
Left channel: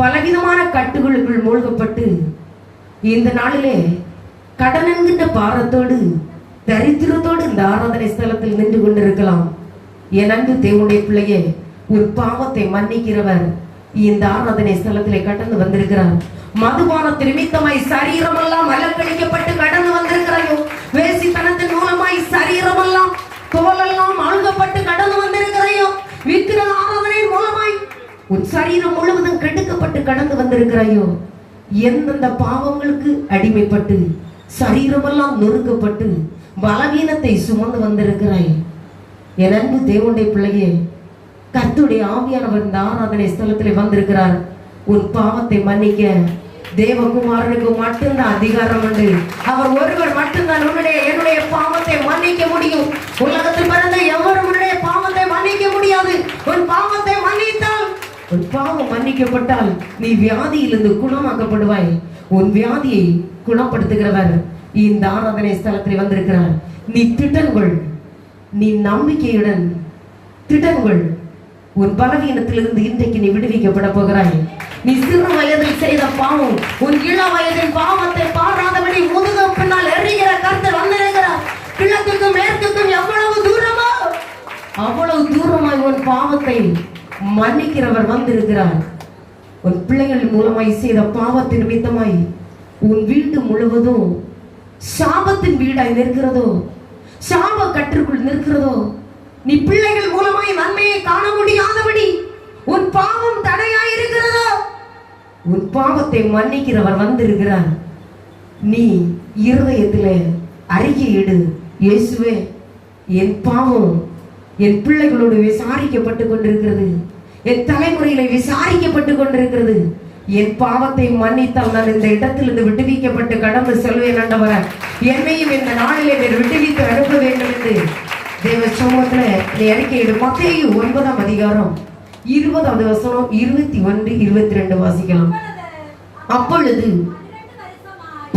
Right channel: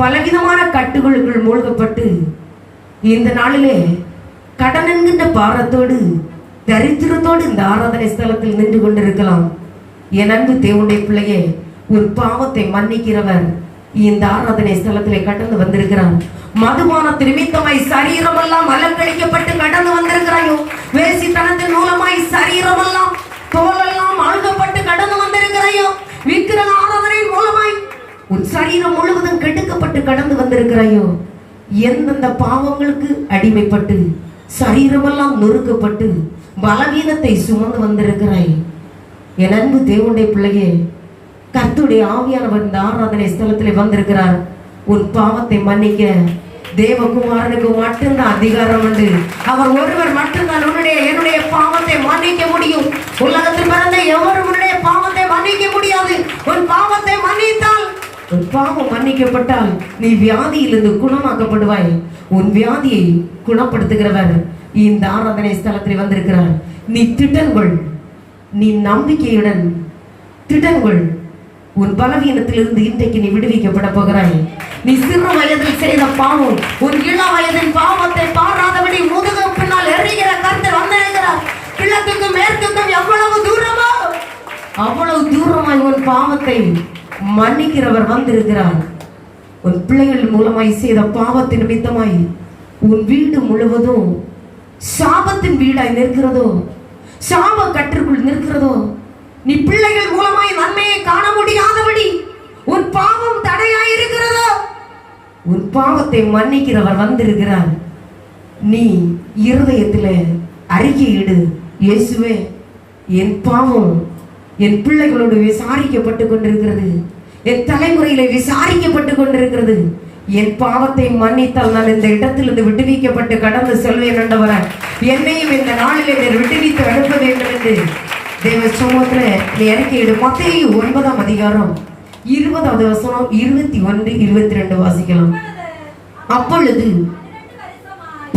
பலவிதமான கட்டுகளுக்குள் மூழ்கப்பட்டு இந்த நாளிலே கடன் என்கின்ற பாரத்தோடு தரித்திரத்தோடு இந்த ஆராதனை ஸ்தலத்தில் நின்று கொண்டிருக்கலாம். என் அன்பு தேவனுடைய பிள்ளையே, ஒரு பாவத்தை மன்னிக்கிறவர் இந்த ஆராதனை ஸ்தலத்திலே கடந்து வந்திருக்கிறார். மதுபானத்து நிமித்தமாய் சரீரம் எல்லாம் அலங்கழிக்கப்பட்டு கடந்து வந்திருக்கிறாயோ, வேசித்தனத்தின் மூலமாய் சரீரம் எல்லாம் தோலெல்லாம் அழுகப்பட்டு கடந்து வந்திருக்கிறாயோ, விக்கிரக ஆராதனை மூலமாய் உன் சரீரம் முழுவதும் கெடுக்கப்பட்டு கடந்து வந்திருக்கிறாயோ, எந்தெந்த பாவங்களுக்கு அடிமைப்பட்டு சரீரமெல்லாம் நொறுக்கப்பட்டு பலவீனத்தை சுமந்து வந்திருக்கிறாய். என் அன்பு தேவனுடைய பிள்ளையே, கர்த்தருடைய ஆவியானவர் இந்த ஆராதனை ஸ்தலத்திலே வந்திருக்கிறார். உன் பாவத்தை மன்னிக்க தேவகுமாரனுக்கு மட்டும்தான் அதிகாரம் உண்டு. அவர் ஒருவர் மட்டும்தான் என்னுடைய பாவத்தை மன்னிக்க முடியும். உலகத்தில் பிறந்த எவரும் உன்னுடைய பாவத்தை மன்னிக்க முடியாது. உன் பாவத்தை மன்னித்தால், உன் பாவம் மன்னிக்கப்பட்டால் நீ வியாதியிலிருந்து குணமாக்கப்படுவாய். உன் வியாதியை குணப்படுத்துகிறவர் இந்த ஆராதனை ஸ்தலத்தில் வந்திருக்கிறார். நீ திட்டன்கொள், நீ நம்பிக்கையுடன் திட்டன்கொள். உன் பலவீனத்திலிருந்து இன்றைக்கு நீ விடுவிக்கப்பட போகிறாய். நீ சிறு வயதில் செய்த பாவம், உன் இள வயதின் பாவத்தை பாராதபடி முதுகு பின்னால் எறிகிற கர்த்தர் வந்திருக்கிறார். கிழக்குக்கும் மேற்குக்கும் எவ்வளவு தூரமோ அவ்வளவு தூரமாய் உன் பாவத்தை மன்னிக்கிறவர் வந்திருக்கிறார். உன் பிள்ளைகள் மூலமாய் செய்த பாவத்தின் நிமித்தமாய் உன் வீடு முழுவதும் சாபத்தின் வீடாய் நிற்கிறதோ, சாப கற்றுக்குள் நிற்கிறதோ, நீ பிள்ளைகள் மூலமாய் நன்மையை காண முடியாதபடி உன் பாவம் தடையாய் இருக்கிறதோ, உன் பாவத்தை மன்னிக்கிறவர் வந்திருக்கிறார். நீ இருதயத்தில் அறிக்கையிடு, இயேசுவே, என் பாவம் என் பிள்ளைகளோடு விசாரிக்கப்பட்டு கொண்டிருக்கிறது, என் தலைமுறையில விசாரிக்கப்பட்டு கொண்டிருக்கிறது. என் பாவத்தை மன்னித்தால் நான் இந்த இடத்திலிருந்து விடுவிக்கப்பட்டு கடந்து செல்வேன் ஆண்டவரே. என்னையும் இந்த நாளிலே விடுவித்து அனுப்ப வேண்டும் என்று தேவ சமூகத்துல நீ அறிக்கையிடு. மத்தேயு 9ஆம் அதிகாரம் 20வது வசனம் 21, 22 வாசிக்கலாம். அப்பொழுது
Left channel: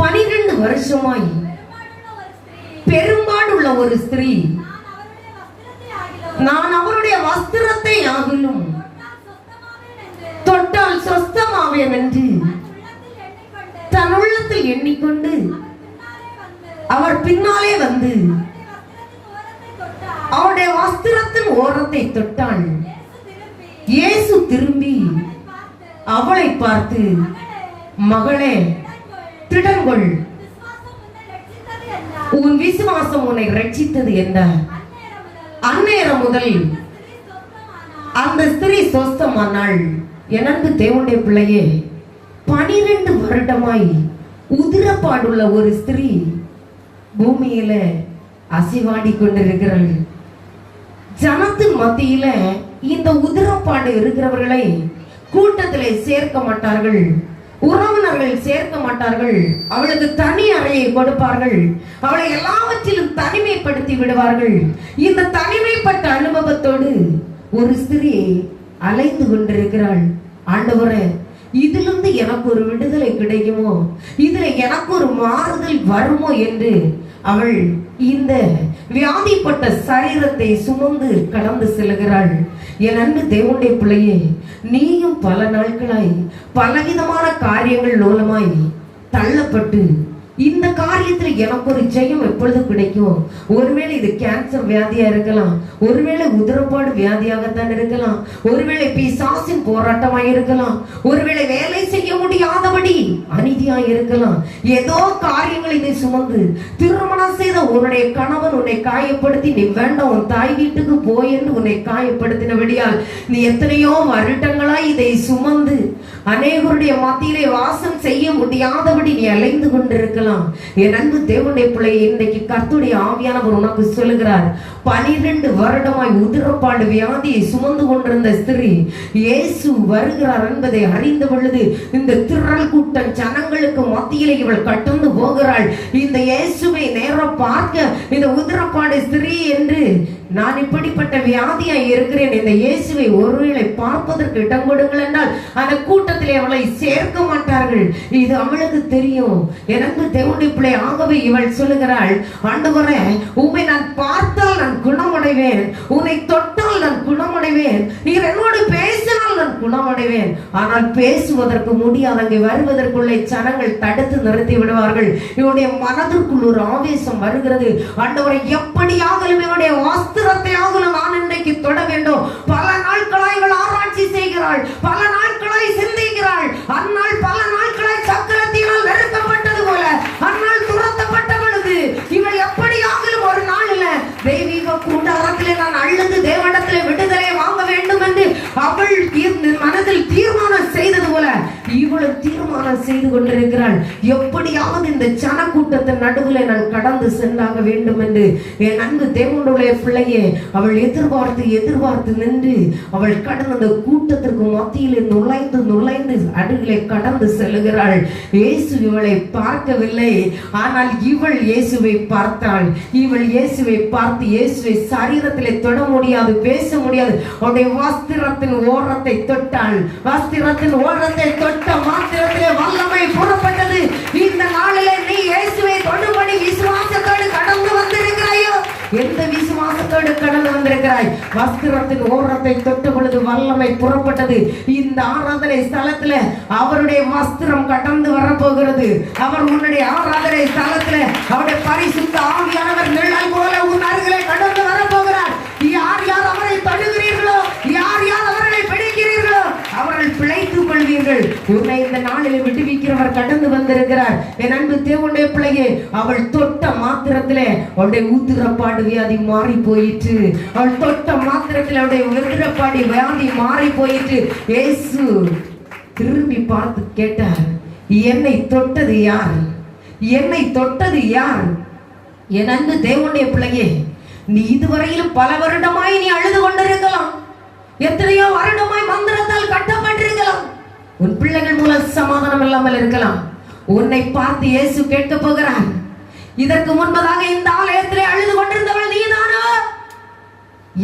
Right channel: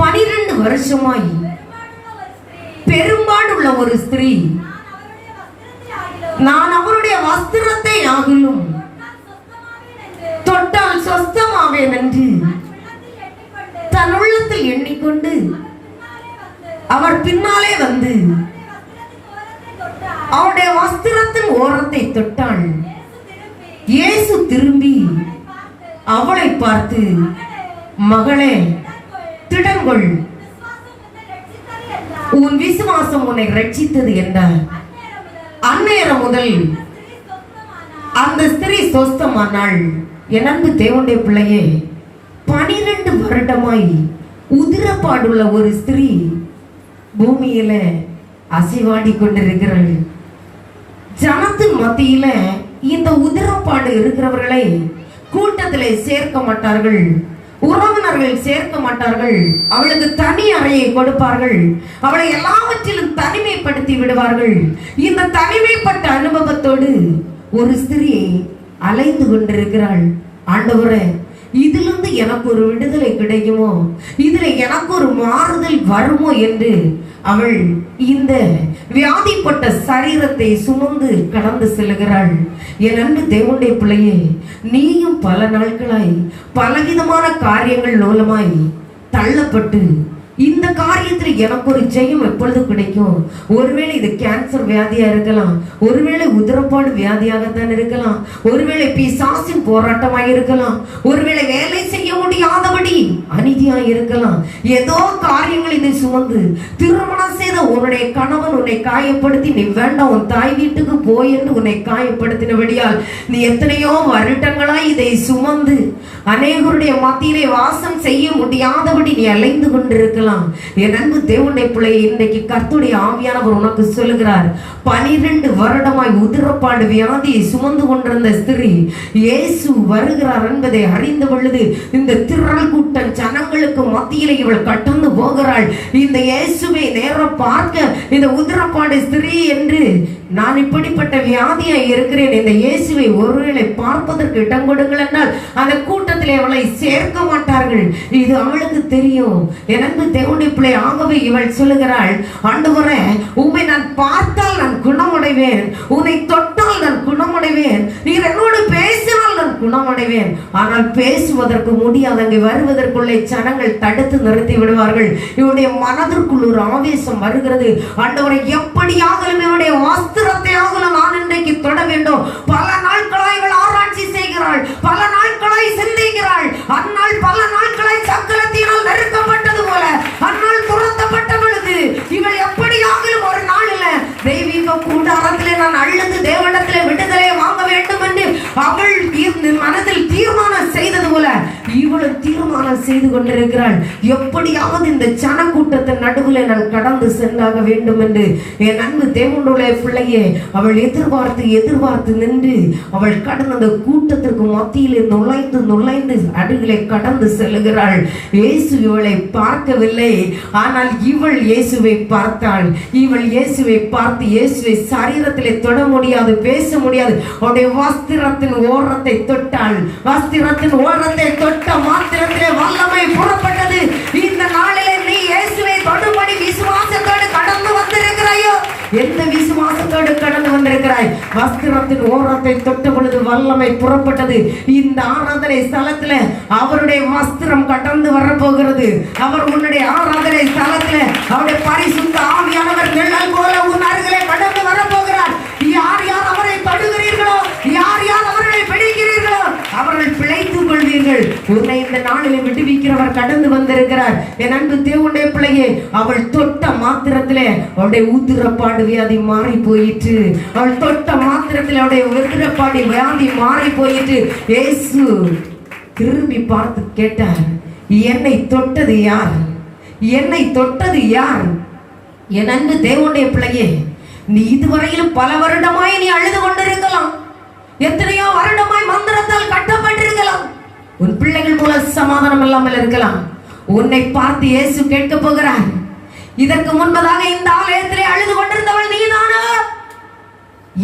12 வருஷமாய் பெரும்பாடுள்ள ஒரு ஸ்திரீ, நான் அவருடைய வஸ்திரத்தை ஆகிலும் தொட்டால் சொஸ்தமாவேன் என்று தன் உள்ளத்தில் எண்ணிக்கொண்டு அவர் பின்னாலே வந்து அவருடைய வஸ்திரத்தின் ஓரத்தை தொட்டாள். இயேசு திரும்பி அவளை பார்த்து, மகளே, திடங்கொள், உன் விசுவாசம் உன்னை ரட்சித்தது என்றார். அந்நேரம் முதல் அந்த ஸ்திரீ சொஸ்தமானாள். எனக்கு தேவனுடைய பிள்ளையே, 12 வருடமாய் உதிரப்பாடுள்ள ஒரு ஸ்திரீ பூமியில அசைவாடி கொண்டிருக்கிறாள். ஜனத்தின் மத்தியில இந்த உதிரப்பாடு இருக்கிறவர்களை கூட்டத்திலே சேர்க்க மாட்டார்கள், உறவினர்கள் சேர்க்க மாட்டார்கள். அவளுக்கு தனி அறையை கொடுப்பார்கள், அவளை எல்லாவற்றிலும் தனிமைப்படுத்தி விடுவார்கள். இந்த தனிமைப்பட்ட அனுபவத்தோடு ஒரு ஸ்திரீ அலைந்து கொண்டிருக்கிறாள். ஆண்டவரே, இதிலிருந்து எனக்கு ஒரு விடுதலை கிடைக்குமோ, இதுல எனக்கு ஒரு மாறுதல் வருமோ என்று அவள் இந்த வியாதிப்பட்ட சரீரத்தை சுமந்து கடந்து செல்கிறாள். என் அன்பு தேவனுடைய பிள்ளையே, நீயும் பல நாட்களாய் பலவிதமான காரியங்கள் மூலமாய் தள்ளப்பட்டு இந்த காரியத்தில் எனக்கு ஒரு ஜெயம் எப்பொழுது கிடைக்கும்? ஒருவேளை இது கேன்சர் வியாதியா இருக்கலாம், ஒருவேளை உதிரப்பாடு வியாதியாகத்தான் இருக்கலாம், ஒருவேளை பிசாசின் போராட்டமாக இருக்கலாம், ஒருவேளை வேலை செய்ய முடியாதபடி அநீதியாக இருக்கலாம். ஏதோ காரியங்கள் இதை சுமந்து திருமணம் செய்த உன்னுடைய கணவன் உன்னை காயப்படுத்தி, நீ வேண்டாம் உன் தாய் வீட்டுக்கு போய் என்று உன்னை காயப்படுத்தினபடியால் நீ எத்தனையோ வருடங்களாய் இதை சுமந்து அநேகருடைய மத்தியிலே வாசம் செய்ய முடியாதபடி நீ அலைந்து கொண்டிருக்கலாம். என் அன்பு தேவனுடைய பிள்ளை, இன்றைக்கு கர்த்தருடைய ஆவியானவர் உனக்கு சொல்லுகிறார், 12 வருடமாய் உதிரப்பாடு வியாதியை சுமந்து கொண்டிருந்த ஸ்திரீ இயேசு வருகிறார் என்பதை அறிந்த பொழுது இந்த திரள் கூட்டம் ஜனங்களுக்கு மத்தியிலே இவள் கடந்து போகிறாள். இந்த இயேசுவை நேரம் பார்க்க இந்த உதிரப்பாடு ஸ்திரீ என்று, நான் இப்படிப்பட்ட வியாதியாய் இருக்கிறேன், இந்த இயேசுவை ஒருவேளை பார்ப்பதற்கு இடம் கொடுங்கள் என்றால் அந்த கூட்டத்திலே அவளை சேர்க்க மாட்டார்கள். இது அவளுக்கு தெரியும். எனக்கு தேவனுடைய பிள்ளை, ஆகவே இவள் சொல்லுகிறாள், ஆண்டவரே, உம்மை நான் பார்த்தால் நான் குணமடைவேன், உன்னை தொட்டால் நான் குணமடைவேன், நீர் என்னோடு பேசினால் நான் குணமடைவேன். ஆனால் பேசுவதற்கு முடியாது. அங்கே வருவதற்குள்ளே ஜனங்கள் தடுத்து நிறுத்தி விடுவார்கள். இவனுடைய மனதிற்குள் ஒரு ஆவேசம் வருகிறது. ஆண்டவரை, எப்படியாக இவனுடைய வஸ்திரத்தையாக நான் இன்றைக்கு தொட வேண்டும். பல நாட்களாய் இவள் ஆராய்ச்சி செய்கிறாள், பல நாட்களாய் சிந்திக்கிறாள். அந்நாள் பல நாட்களாய் சக்கரத்தினால் நெருக்கப்பட்டது போல அந்நாள் துரத்தப்பட்டவளுக்கு இவள் எப்படியாக ஒரு நாளில் தெய்வீக கூடாரத்திலே நான் அழுது தேவனிடத்திலே விடுதலை வாங்க வேண்டும் என்று அவள் மனதில் தீர்மானம் செய்தது போல இவள் தீர்மானம் செய்து கொண்டிருக்கிறாள். எப்படியாவது இந்த ஜனக்கூட்டத்தின் நடுவில் நான் கடந்து சென்றாக வேண்டும் என்று. என் அன்பு தேவனுடைய பிள்ளையே, அவள் எதிர்பார்த்து நின்று அவள் கடந்த அந்த கூட்டத்திற்கு மத்தியிலே நுழைந்து அடுகளை கடந்து செல்லுகிறாள். இயேசு இவளை பார்க்கவில்லை, ஆனால் இவள் இயேசுவை பார்த்தாள். இவள் இயேசுவை பார்த்து இயேசுவை சரீரத்திலே தொட முடியாது, பேச முடியாது. அவருடைய வஸ்திரத்தின் ஓரத்தை தொட்டாள். வஸ்திரத்தின் ஓரத்தை தொட்ட மாத்திரத்திலே வல்லமை புறப்பட்டது. இந்த நாளிலே நீ இயேசுவை தொடும்படி விசுவாசத்தோடு கடந்து வந்திருக்கிறாயோ? எந்த விசுவாசத்தோடு கடந்து வந்திருக்கிறாய்? வஸ்திரத்தின் ஓரத்தை தொட்ட பொழுது வல்லமை புறப்பட்டது. இந்த ஆராதனை ஸ்தலத்துல அவருடைய வஸ்திரம் கடந்து வரப்போகிறது. அவர் உன்னுடைய ஆராதனை ஸ்தலத்துல அவருடைய பரிசுத்த ஆவியானவர் நிழல் போல உன் அருகிலே கடந்து வரப்போகிறார். யார் யார் அவரை தொடுகிறீர்களோ, யார் யார் அவர்களை பிடிக்கிறீர்களோ அவர்கள் பிழைத்துக் கொள்வீர்கள். உன்னை இந்த நாளில் விடுவிக்கிறவர் கடந்து வந்திருக்கிறார். என் அன்பு தேவனுடைய பிள்ளையே, அவள் தொட்ட மாத்திரத்திலே அவருடைய ஊத்திரப்பாடு வியாதி மாறி போயிற்று. அவள் தொட்ட மாத்திரத்தில் அவருடைய ஊத்திரப்பாடு வியாதி மாறி போயிற்று. இயேசு திரும்பி பார்த்து கேட்டார், என்னை தொட்டது யார்? என்னை தொட்டது யார்? என் அன்பு தேவனுடைய பிள்ளையே, நீ இதுவரையிலும் பல வருடமாய் நீ அழுது கொண்டிருக்கலாம். எத்தனையோ வருடமாய் மந்திரத்தால் கட்டப்பட்டிருக்கலாம். உன் பிள்ளைகள் மூலம் சமாதானம் இல்லாமல் இருக்கலாம். உன்னை பார்த்து இயேசு கேட்க போகிறார், இதற்கு முன்பதாக இந்த ஆலயத்திலே அழுது கொண்டிருந்தவள் நீதானா?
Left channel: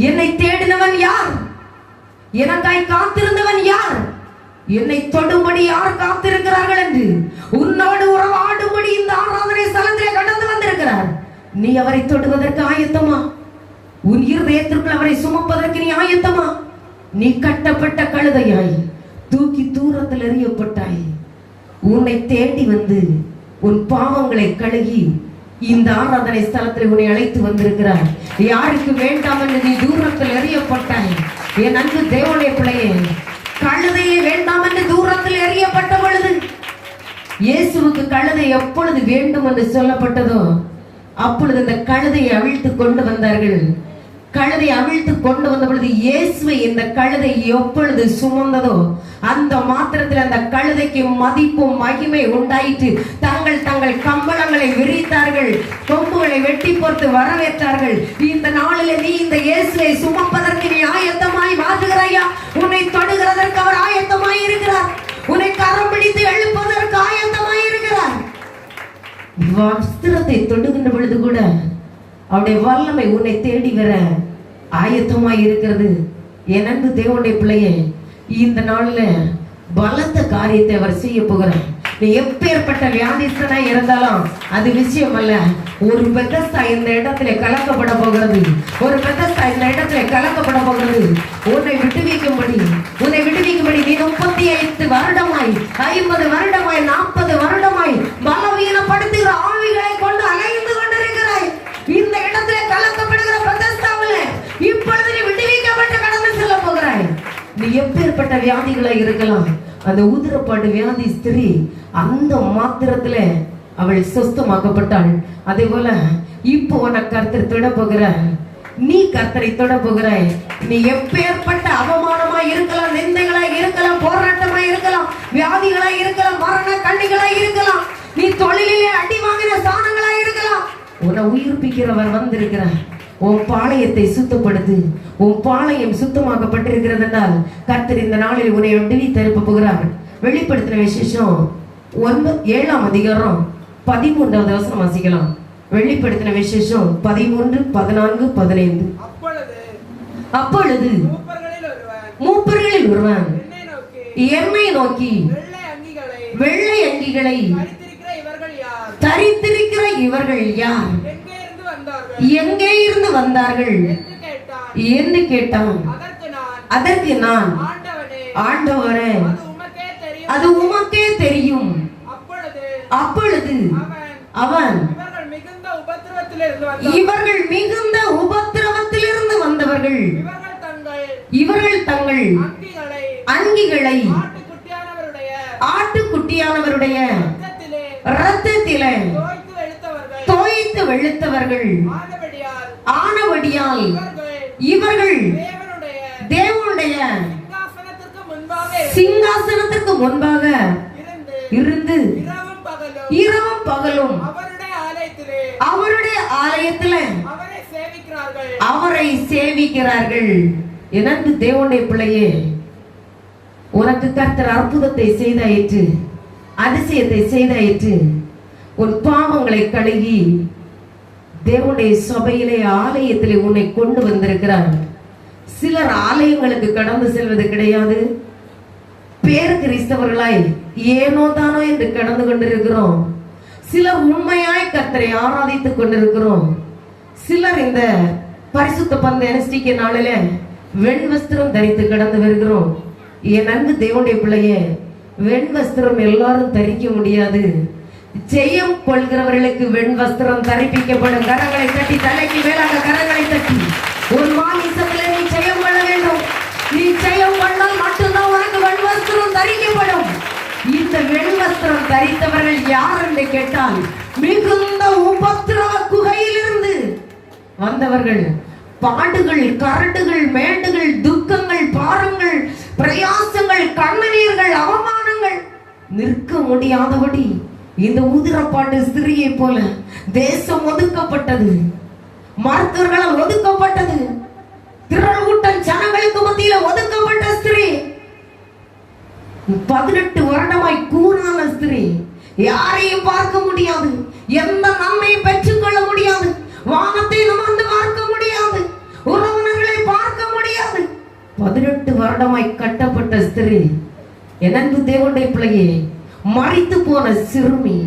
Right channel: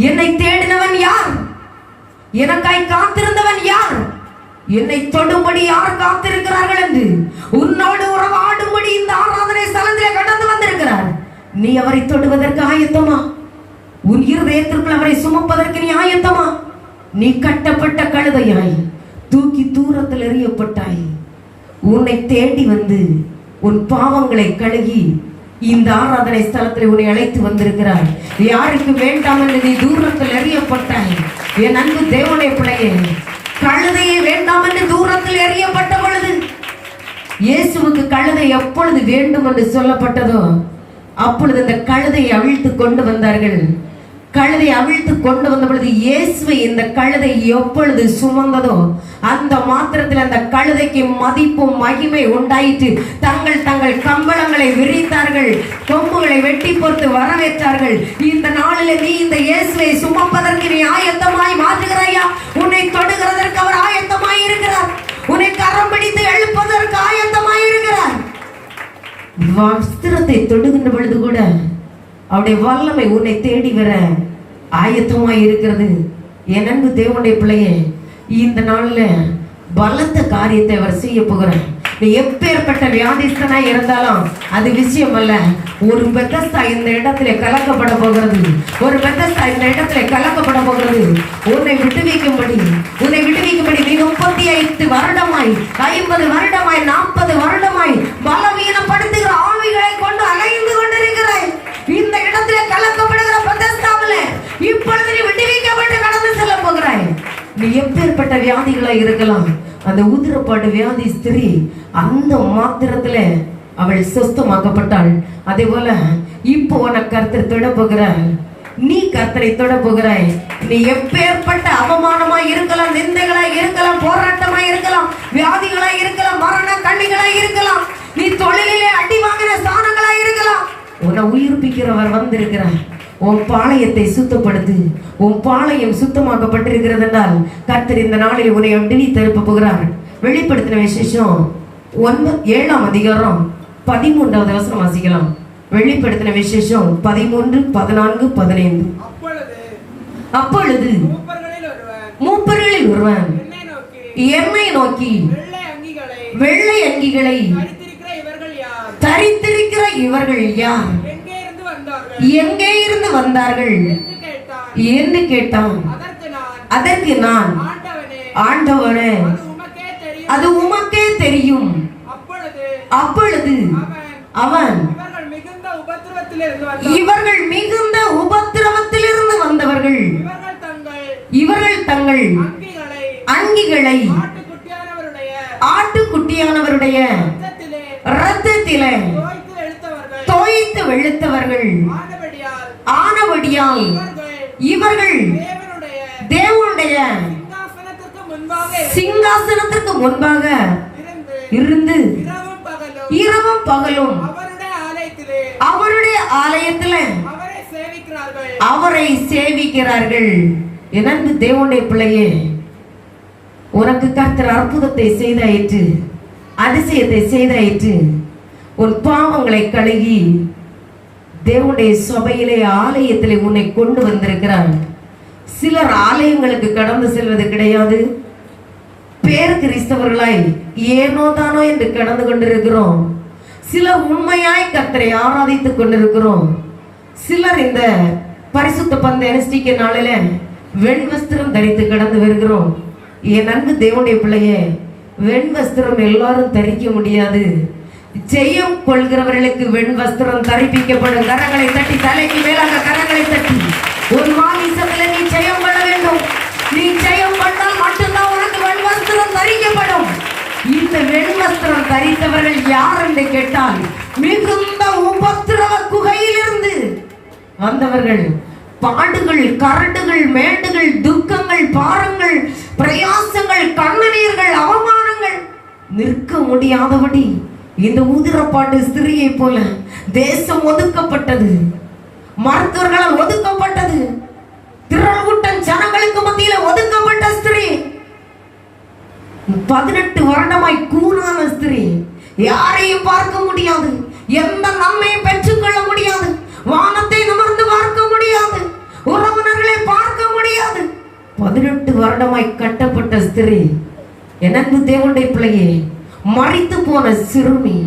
என்னை தேடினவன் யார்? எனக்காய் காத்திருந்தவன் யார்? என்னை தொடும்படி யார் காத்திருக்கிறார்கள் என்று உன்னோடு உறவாடும்படி இந்த ஆராதனை ஸ்தலத்திலே கடந்து வந்திருக்கிறார். நீ அவரை தொடுவதற்கு ஆயத்தமா? உன் இருதயத்திற்குள் அவரை சுமப்பதற்கு நீ ஆயத்தமா? நீ கட்டப்பட்ட கழுதையாய் தூக்கி தூரத்தில் எறியப்பட்டாய். உன்னை தேடி வந்து உன் பாவங்களை கழுகி இந்த ஆராதனை ஸ்தலத்தில் உன்னை அழைத்து வந்திருக்கிறார். யாருக்கு வேண்டாம் என்று நீ தூரத்தில் எறியப்பட்டாய். என் அன்பு தேவனுடைய பிள்ளையே, கழுதையை வேண்டாம் என்று தூரத்தில் எறியப்பட்ட பொழுது இயேசுவுக்கு கழுதை எப்பொழுது வேண்டும் என்று சொல்லப்பட்டதோ அப்பொழுது இந்த கழுதையை அவிழ்த்து கொண்டு வந்தார்கள். கழுதை அவிழ்த்து கொண்டு வந்த பொழுது இயேசுவை இந்த கழுதை எப்பொழுது சுமந்ததோ அந்த மாத்திரத்தில் அந்த கழுதைக்கு மதிப்பும் மகிமை உண்டாயிற்று. தங்கள் கம்பளங்களை விரித்தார்கள், கொம்புகளை வெட்டி பொறுத்து வரவேற்றார்கள். இந்த நாளில் நீ இந்த இயேசுவை சுமப்பதற்கு நீ ஆயத்தமாய் மாற்றுகிறாயா? உன்னை தொடுகிறதற்கு அவர் ஆயத்தமாய் இருக்கிறார். உன்னை கரம் பிடித்து எழுப்பதற்கு ஆயத்தமாய் இருக்கிறார். வஸ்திரத்தை தொடுகின்ற பொழுது கூட அவருடைய வல்லமை உன்னை தேடி வர ஆயத்தமாய் இருக்கிறது. என் அன்பு தேவனுடைய பிள்ளையே, இந்த நாள்ல பலத்த காரியத்தை அவர் செய்ய போகிறார். நீ எப்பேற்பட்ட வியாதிஸ்தனாய் இருந்தாலும் அது விஷயம் அல்ல. ஒரு பெத்தஸ்தா இந்த இடத்துல கலக்கப்பட போகிறது. ஒரு பெத்தஸ்தா இந்த இடத்துல கலக்கப்பட போகிறது. உன்னை விடுவிக்கும்படி நீ 35 வருடமாய் 50 வருடமாய் 40 வருடமாய் பலவீனப்படுத்துகிற ஆவிகளை கொண்டு அலைந்து கொண்டிருக்கிறாய். இந்த இடத்துல கலக்கப்படுகிற பெத்தஸ்தாவிலே இப்பொழுது நீ விடுவிக்கப்பட்டு கடந்து செல்ல போகிறாய். நீ எப்பேற்பட்ட வியாதிகளாய் இருக்கலாம். அந்த உதிரப்பாடு வியாதி ஸ்திரீ அந்த மாத்திரத்துல அவள் சுஸ்தமாக்கப்பட்டாள். அதே போல இப்போ உனக்கு கர்த்தர் தொட போகிறார். நீ கர்த்தரை தொட போகிறாய். நீ எப்பேற்பட்ட அவமானமாய் இருக்கலாம், நிந்தைகளாய் இருக்கலாம், போராட்டமாய் இருக்கலாம், தொழிலே அடி வாங்கின ஸ்தானங்களா இருக்கலாம். உன்னை உயிர்ப்பிக்கிறவர் வந்திருக்கிறார். உன் பாளையத்தை சுத்தப்படுத்து. உன் பாளையம் சுத்தமாக்கப்பட்டிருக்கிறது என்றால் கர்த்தர் இந்த நாளில் உன்னை விடுவித்து எழுப்ப போகிறார். வெளிப்படுத்தின விசேஷம் 7ஆம் அதிகாரம் 13வது வசனம் வாசிக்கலாம். வெளிப்படுத்தின விசேஷம் 13, 14, 15. அப்பொழுது மூப்பர்களில் ஒருவன் என்னை நோக்கி, வெள்ளை அங்கிகளை தரித்திருக்கிற இவர்கள் யார்? எங்கே இருந்து வந்தார்கள் என்று கேட்டான். அதற்கு நான், ஆண்டவரே, அது உமக்கே தெரியும். அப்பொழுது அவன், இவர்கள் மிகுந்த உபத்திரவத்திலிருந்து வந்தவர்கள், இவர்கள் தங்கள் அங்கிகளை ஆட்டுக்குட்டியானவருடைய இரத்தத்திலே தோய்த்து வெளுத்தவர்கள் ஆனபடியால் இவர்கள் தேவனுடைய சிங்காசனத்திற்கு முன்பாக இருந்து இரவும் பகலும் அவருடைய ஆலயத்திலே அவரை சேவிக்கிறார்கள். எனக்கு தேவனுடைய பிள்ளையே, உனக்கு கர்த்தர் அற்புதத்தை செய்தாயிற்று, அதிசயத்தை செய்தாயிற்று. உன் பாவங்களை கழுகி தேவனுடைய சபையிலே ஆலயத்திலே உன்னை கொண்டு வந்திருக்கிறார். சிலர் ஆலயங்களுக்கு கடந்து செல்வது கிடையாது. பேரு கிறிஸ்தவர்களாய் ஏனோ தானோ என்று கடந்து கொண்டிருக்கிறோம். சிலர் உண்மையாய் கர்த்தரை ஆராதித்துக் கொண்டிருக்கிறோம். சிலர் இந்த பரிசுத்த பந்த அனுஷ்டிக்க நாளில வெண் வஸ்திரம் தரித்து கடந்து வருகிறோம். என் அன்பு தேவனுடைய பிள்ளையே, வெண் வஸ்திரம் எல்லாரும் தரிக்க முடியாது. ஜெயம் கொள்கிறவர்களுக்கு வெண் வஸ்திரம் தரிப்பிக்கப்படும். கரங்களை தட்டி, தலைக்கு மேலாக கரங்களை தட்டி, ஒரு மாமிசத்தில் நீ ஜெயம் கொள்ள வேண்டும். நீ ஜெயம் பண்ணால் மட்டும்தான் உனக்கு வெண் வஸ்திரம் தரிக்கப்படும். இந்த வெண் வஸ்திரம் தரித்தவர்கள் யார் என்று கேட்டால், மிகுந்த உபத்திரவ குகையிலிருந்து வந்தவர்கள். பாடுகள், கரடுகள், மேடுகள், துக்கங்கள், பாரங்கள், பிரயாசங்கள், கண்ணீர்கள், அவமானங்கள் நிற்க முடியாதபடி இந்த உதிரப்பாட்டு ஸ்திரியை போல தேசம் ஒதுக்கப்பட்டது, மருத்துவர்களால் ஒதுக்கப்பட்டது, திரள்கூட்டம் ஜனங்களுக்கு மத்தியில ஒதுக்கப்பட்ட ஸ்திரீ, 18 வருடமாய் கூறான ஸ்திரீ, யாரையும் பார்க்க முடியாது, எந்த நன்மையை பெற்றுக்கொள்ள முடியாது, வானத்தை நிமிர்ந்து பார்க்க முடியாது, உறவினர்களை பார்க்க முடியாது. 18 வருடமாய் கட்டப்பட்ட ஸ்திரீ, என் அன்பு தேவனுடைய பிள்ளையே, மரித்து போன சிறுமி,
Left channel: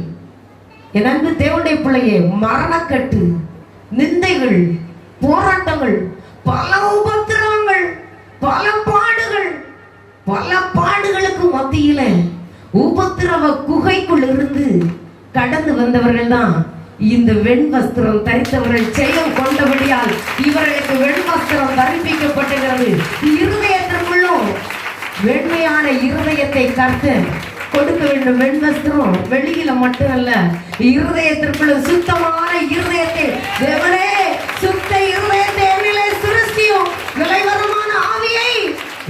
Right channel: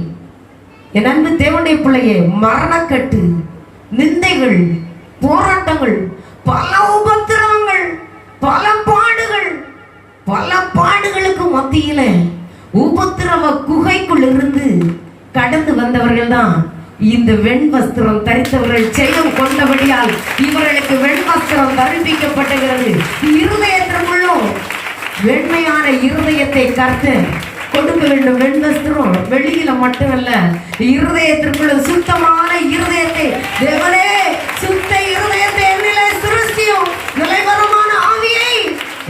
என் அன்பு தேவனுடைய பிள்ளையே, மரணக்கட்டு, நிந்தைகள், போராட்டங்கள், பல உபத்திரவங்கள், பல பாடுகள், பல பாடுகளுக்கு மத்தியில உபத்திரவ குகைக்குள் இருந்து கடந்து வந்தவர்கள் தான் இந்த வெண் வஸ்திரம் தரித்தவர்கள். ஜெயம் கொண்டபடியால் இவர்களுக்கு வெண் வஸ்திரம் தரிப்பிக்கப்பட்டது. இருதயத்திற்குள்ளும் வெண்மையான இருதயத்தை கர்த்தர் கொடுக்க வேண்டும். வெண் வஸ்திரம் வெளியில மட்டுமல்ல, இருதயத்திற்குள்ள சுத்தமான இருதயத்தை தேவனே, சுத்த இருதயத்தை என்னிலே சிருஷ்டியும், நிலைவரமான ஆவியை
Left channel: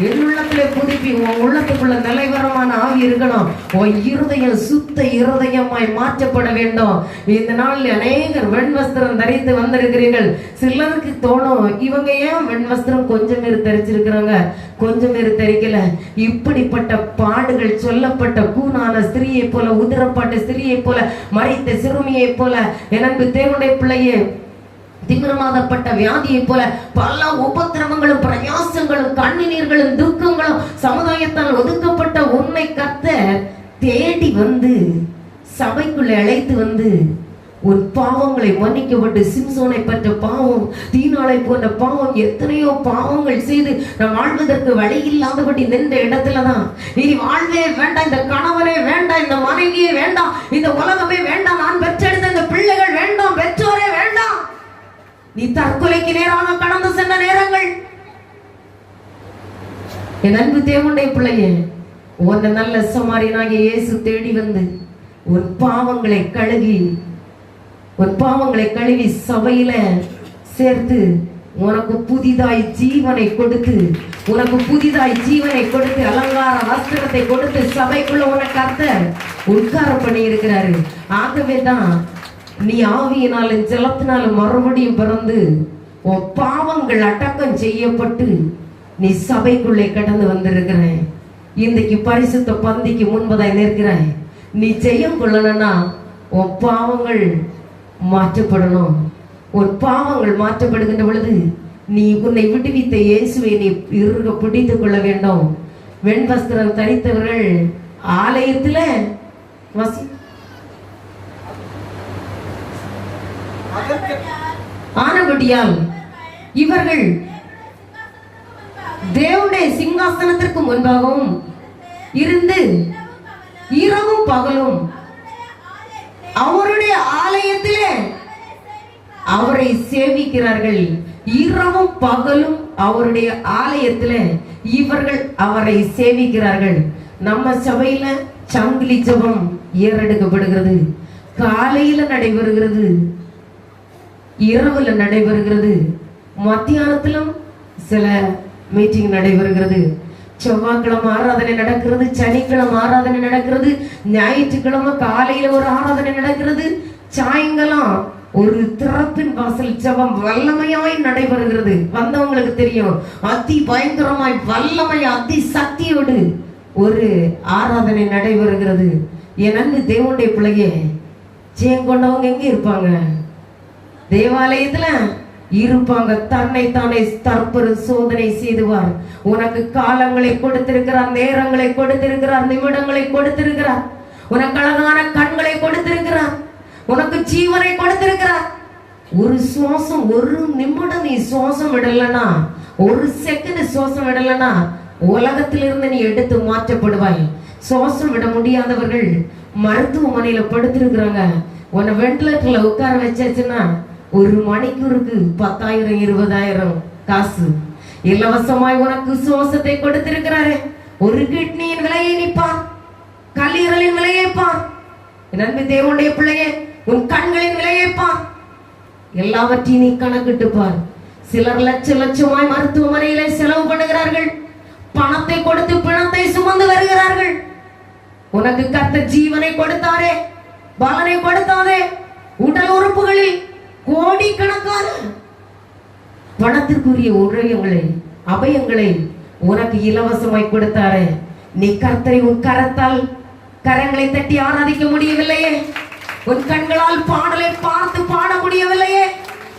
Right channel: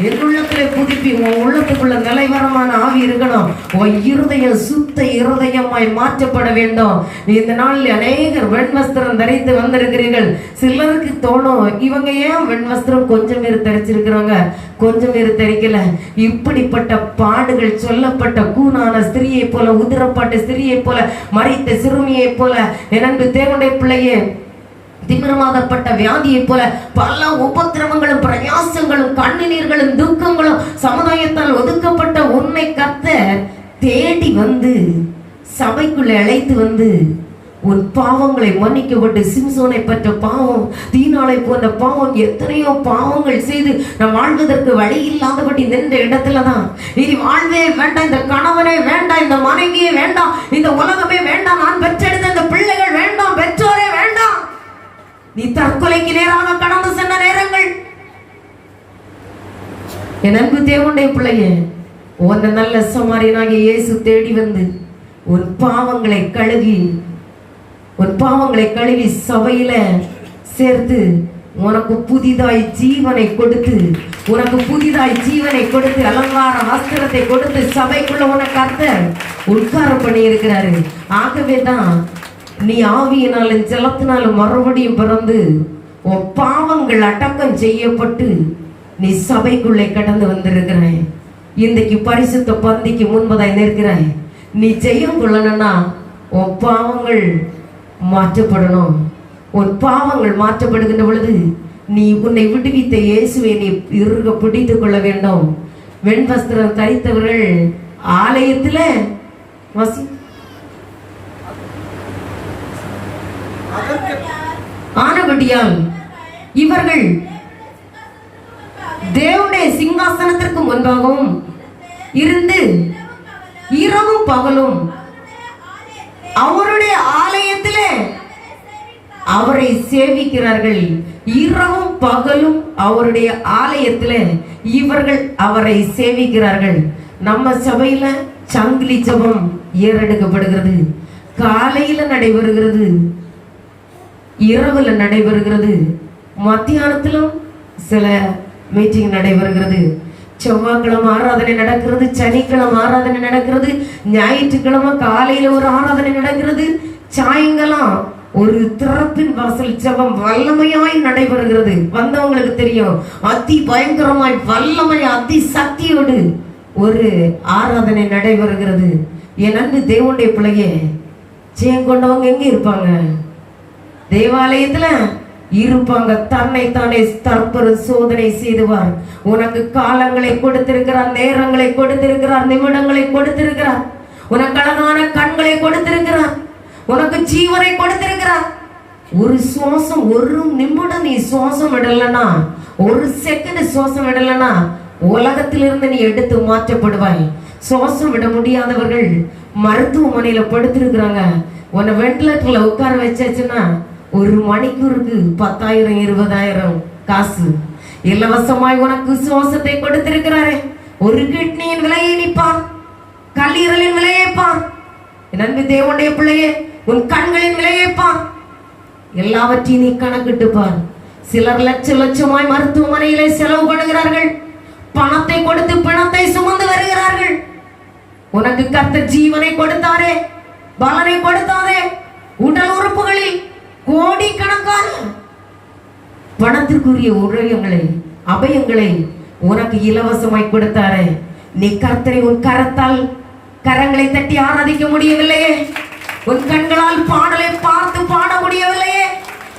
என் உள்ளத்திலே புதுப்பி. உன் உள்ளத்துக்குள்ள நிலைவரமான ஆவி இருக்கணும். உன் இருதயம் சுத்த இருதயமாய் மாற்றப்பட வேண்டும். இந்த நாளில் அநேகர் வெண் வஸ்திரம் தரித்து வந்திருக்கிறீர்கள். சிலருக்கு தோணும், இவங்க ஏன் வெண் வஸ்திரம் கொஞ்சம் பேர் தரிச்சிருக்கிறாங்க, கொஞ்சம் பேர் தரிக்கல. இப்படிப்பட்ட பாடுகள் சொல்லப்பட்ட கூனான ஸ்திரியை போல, உதிரப்பாட்ட ஸ்திரியை போல, மறைத்த சிறுமியை போல, எனக்கு தேவனுடைய பிள்ளையே, திமிரமாகப்பட்ட வியாதியை போல பல உபத்திரவங்களும், பிரயாசங்களும், கண்ணீர்களும், துக்கங்களும், சமுதாயத்தால் ஒதுக்கப்பட்ட உன்னை கர்த்தர் தேடி வந்து சபைக்குள்ளே அழைத்து வந்து உன் பாவங்களை மன்னிக்கப்பட்டு, சிம்சோனை பற்ற பாவம், தீனாளை போன்ற பாவம், எத்தனையோ பாவங்கள் செய்து நாம் வாழ்வதற்கு வழி இல்லாதபடி நின்ற இடத்துலதான் இனி வாழ்வே வேண்டாம், இந்த கணவனே வேண்டாம், இந்த மனைவியே வேண்டாம், இந்த உலகமே வேண்டாம், நான் பெற்றெடுத்த இந்த பிள்ளைகள் வேண்டாம், பெற்றோரே வேண்டாம், நீ தற்கொலைக்கு நேராக கடந்து சென்ற நேரங்கள். என் அன்பு தேவனுடைய பிள்ளையே, உன்னை நல்ல சமாரியனாகிய இயேசு தேடி வந்து உன் பாவங்களை கழுவி சபையில சேர்த்து உனக்கு புதிதாய் ஜீவனை கொடுத்து உனக்கு புதிதாய் ஜீவனை கொடுத்து அலங்கார வஸ்திரத்தை கொடுத்து சபைக்குள்ள உனக்கு கர்த்தர் உட்கார பண்ணி இருக்கிறாரு. ஆகவேதான் நீ ஆவியினாலும் ஜலத்தினாலும் மறுபடியும் பிறந்து உன் பாவங்கள் அடக்கம் செய்யப்பட்டு நீ சபைக்குள்ளே கடந்து வந்திருக்கிறாய். இன்றைக்கு பரிசுத்த பந்திக்கு முன்பதாய் நிற்கிறாய். நீ ஜெயம் கொள்ளணும்னா உன் பாவங்கள் மாற்றப்படணும். உன் பாவங்கள் மாற்றப்படுகின்ற பொழுது நீ உன்னை விடுவித்த இயேசுவை நீ இறுக பிடித்துக் கொள்ள வேண்டும். வெண்வஸ்திரம் தரித்தவர்கள் ஆலயத்தில் ஆனபடியால் இவர்கள் தேவனுடைய சிங்காசனத்திற்கு முன்பாகவும் இருந்து இரவும் பகலும் அவருடைய ஆலயத்திலே அவரை சேவிக்கிறார்கள். இரவும் பகலும் அவருடைய ஆலயத்திலே இவர்கள் அவரை சேவிக்கிறார்கள். நம்ம சபையில சங்கிலி ஜெபம் ஏறெடுக்கப்படுகிறது. காலையில நடைபெறுகிறது, இரவுல நடைபெறுகிறது, மத்தியானத்திலும் சில மீட்டிங் நடைபெறுகிறது. செவ்வாய்க்கிழமை ஆராதனை நடக்கிறது, சனிக்கிழமை ஆராதனை நடக்கிறது, ஞாயிற்றுக்கிழமை காலையில ஒரு ஆராதனை நடக்கிறது, சாயங்காலம் ஒரு திறப்பின் வாசல் ஜெபம் வல்லமையாய் நடைபெறுகிறது. வந்தவங்களுக்கு தெரியும், அதி பயங்கரமாய் வல்லமை அதி சக்தியோடு ஒரு ஆராதனை நடைபெறுகிறது. ஏன்னு தேவனுடைய பிள்ளையே ஜெயம் கொண்டவங்க எங்க இருப்பாங்க? தேவாலயத்துல இருப்பாங்க. தன்னை தானே தற்பொரு சோதனை செய்துவார். உனக்கு காலங்களை கொடுத்திருக்கிறார், நேரங்களை கொடுத்திருக்கிறார், நிமிடங்களை கொடுத்திருக்கிறார், உனக்கு அழகான கண்களை கொடுத்திருக்கிறார், உனக்கு ஜீவனை கொடுத்திருக்கிறார். ஒரு சுவாசம், ஒரு நிமிடம் நீ சுவாசம் விடலனா, ஒரு செகண்ட் சுவாசம் விடலனா உலகத்திலிருந்து நீ எடுத்து மாற்றப்படுவாய். சுவாசம் விட முடியாதவர்கள் மருத்துவமனையில படுத்திருக்கிறாங்க. உன்னை வெண்டிலேட்டர்ல உட்கார வச்சாச்சுன்னா ஒரு மணிக்கூருக்கு 10,000 20,000 காசு இலவசமாய் உனக்கு சுவாசத்தை கொடுத்திருக்கிறாரே. ஒரு கிட்னியின் விலையை நிற்பார், கல்லீரலின் விலையை பார். நன்மை தேவனுடைய பிள்ளையே, உன் கண்களின் விலையை பார். எல்லாவற்றையும் நீ கணக்கிட்டு பார். சிலர் லட்சமாய் மருத்துவமனையிலே செலவு பண்ணுகிறார்கள். பணத்தை கொடுத்து பிணத்தை சுமந்து வருகிறார்கள். உனக்கு கர்த்தர் ஜீவனை கொடுத்தாரே, பலனை கொடுத்தாரே. உடல் உறுப்புகளில் கோடிக்கணக்கான பணத்திற்குரிய உதவிகளை அபயங்களை உனக்கு இலவசமாய் கொடுத்தாரே. நீ கர்த்தரை உன் கரத்தால் கரங்களை தட்டி ஆராதிக்க முடியவில்லையே, உன் கண்களால் பாடலை பார்த்து பாட முடியவில்லையே,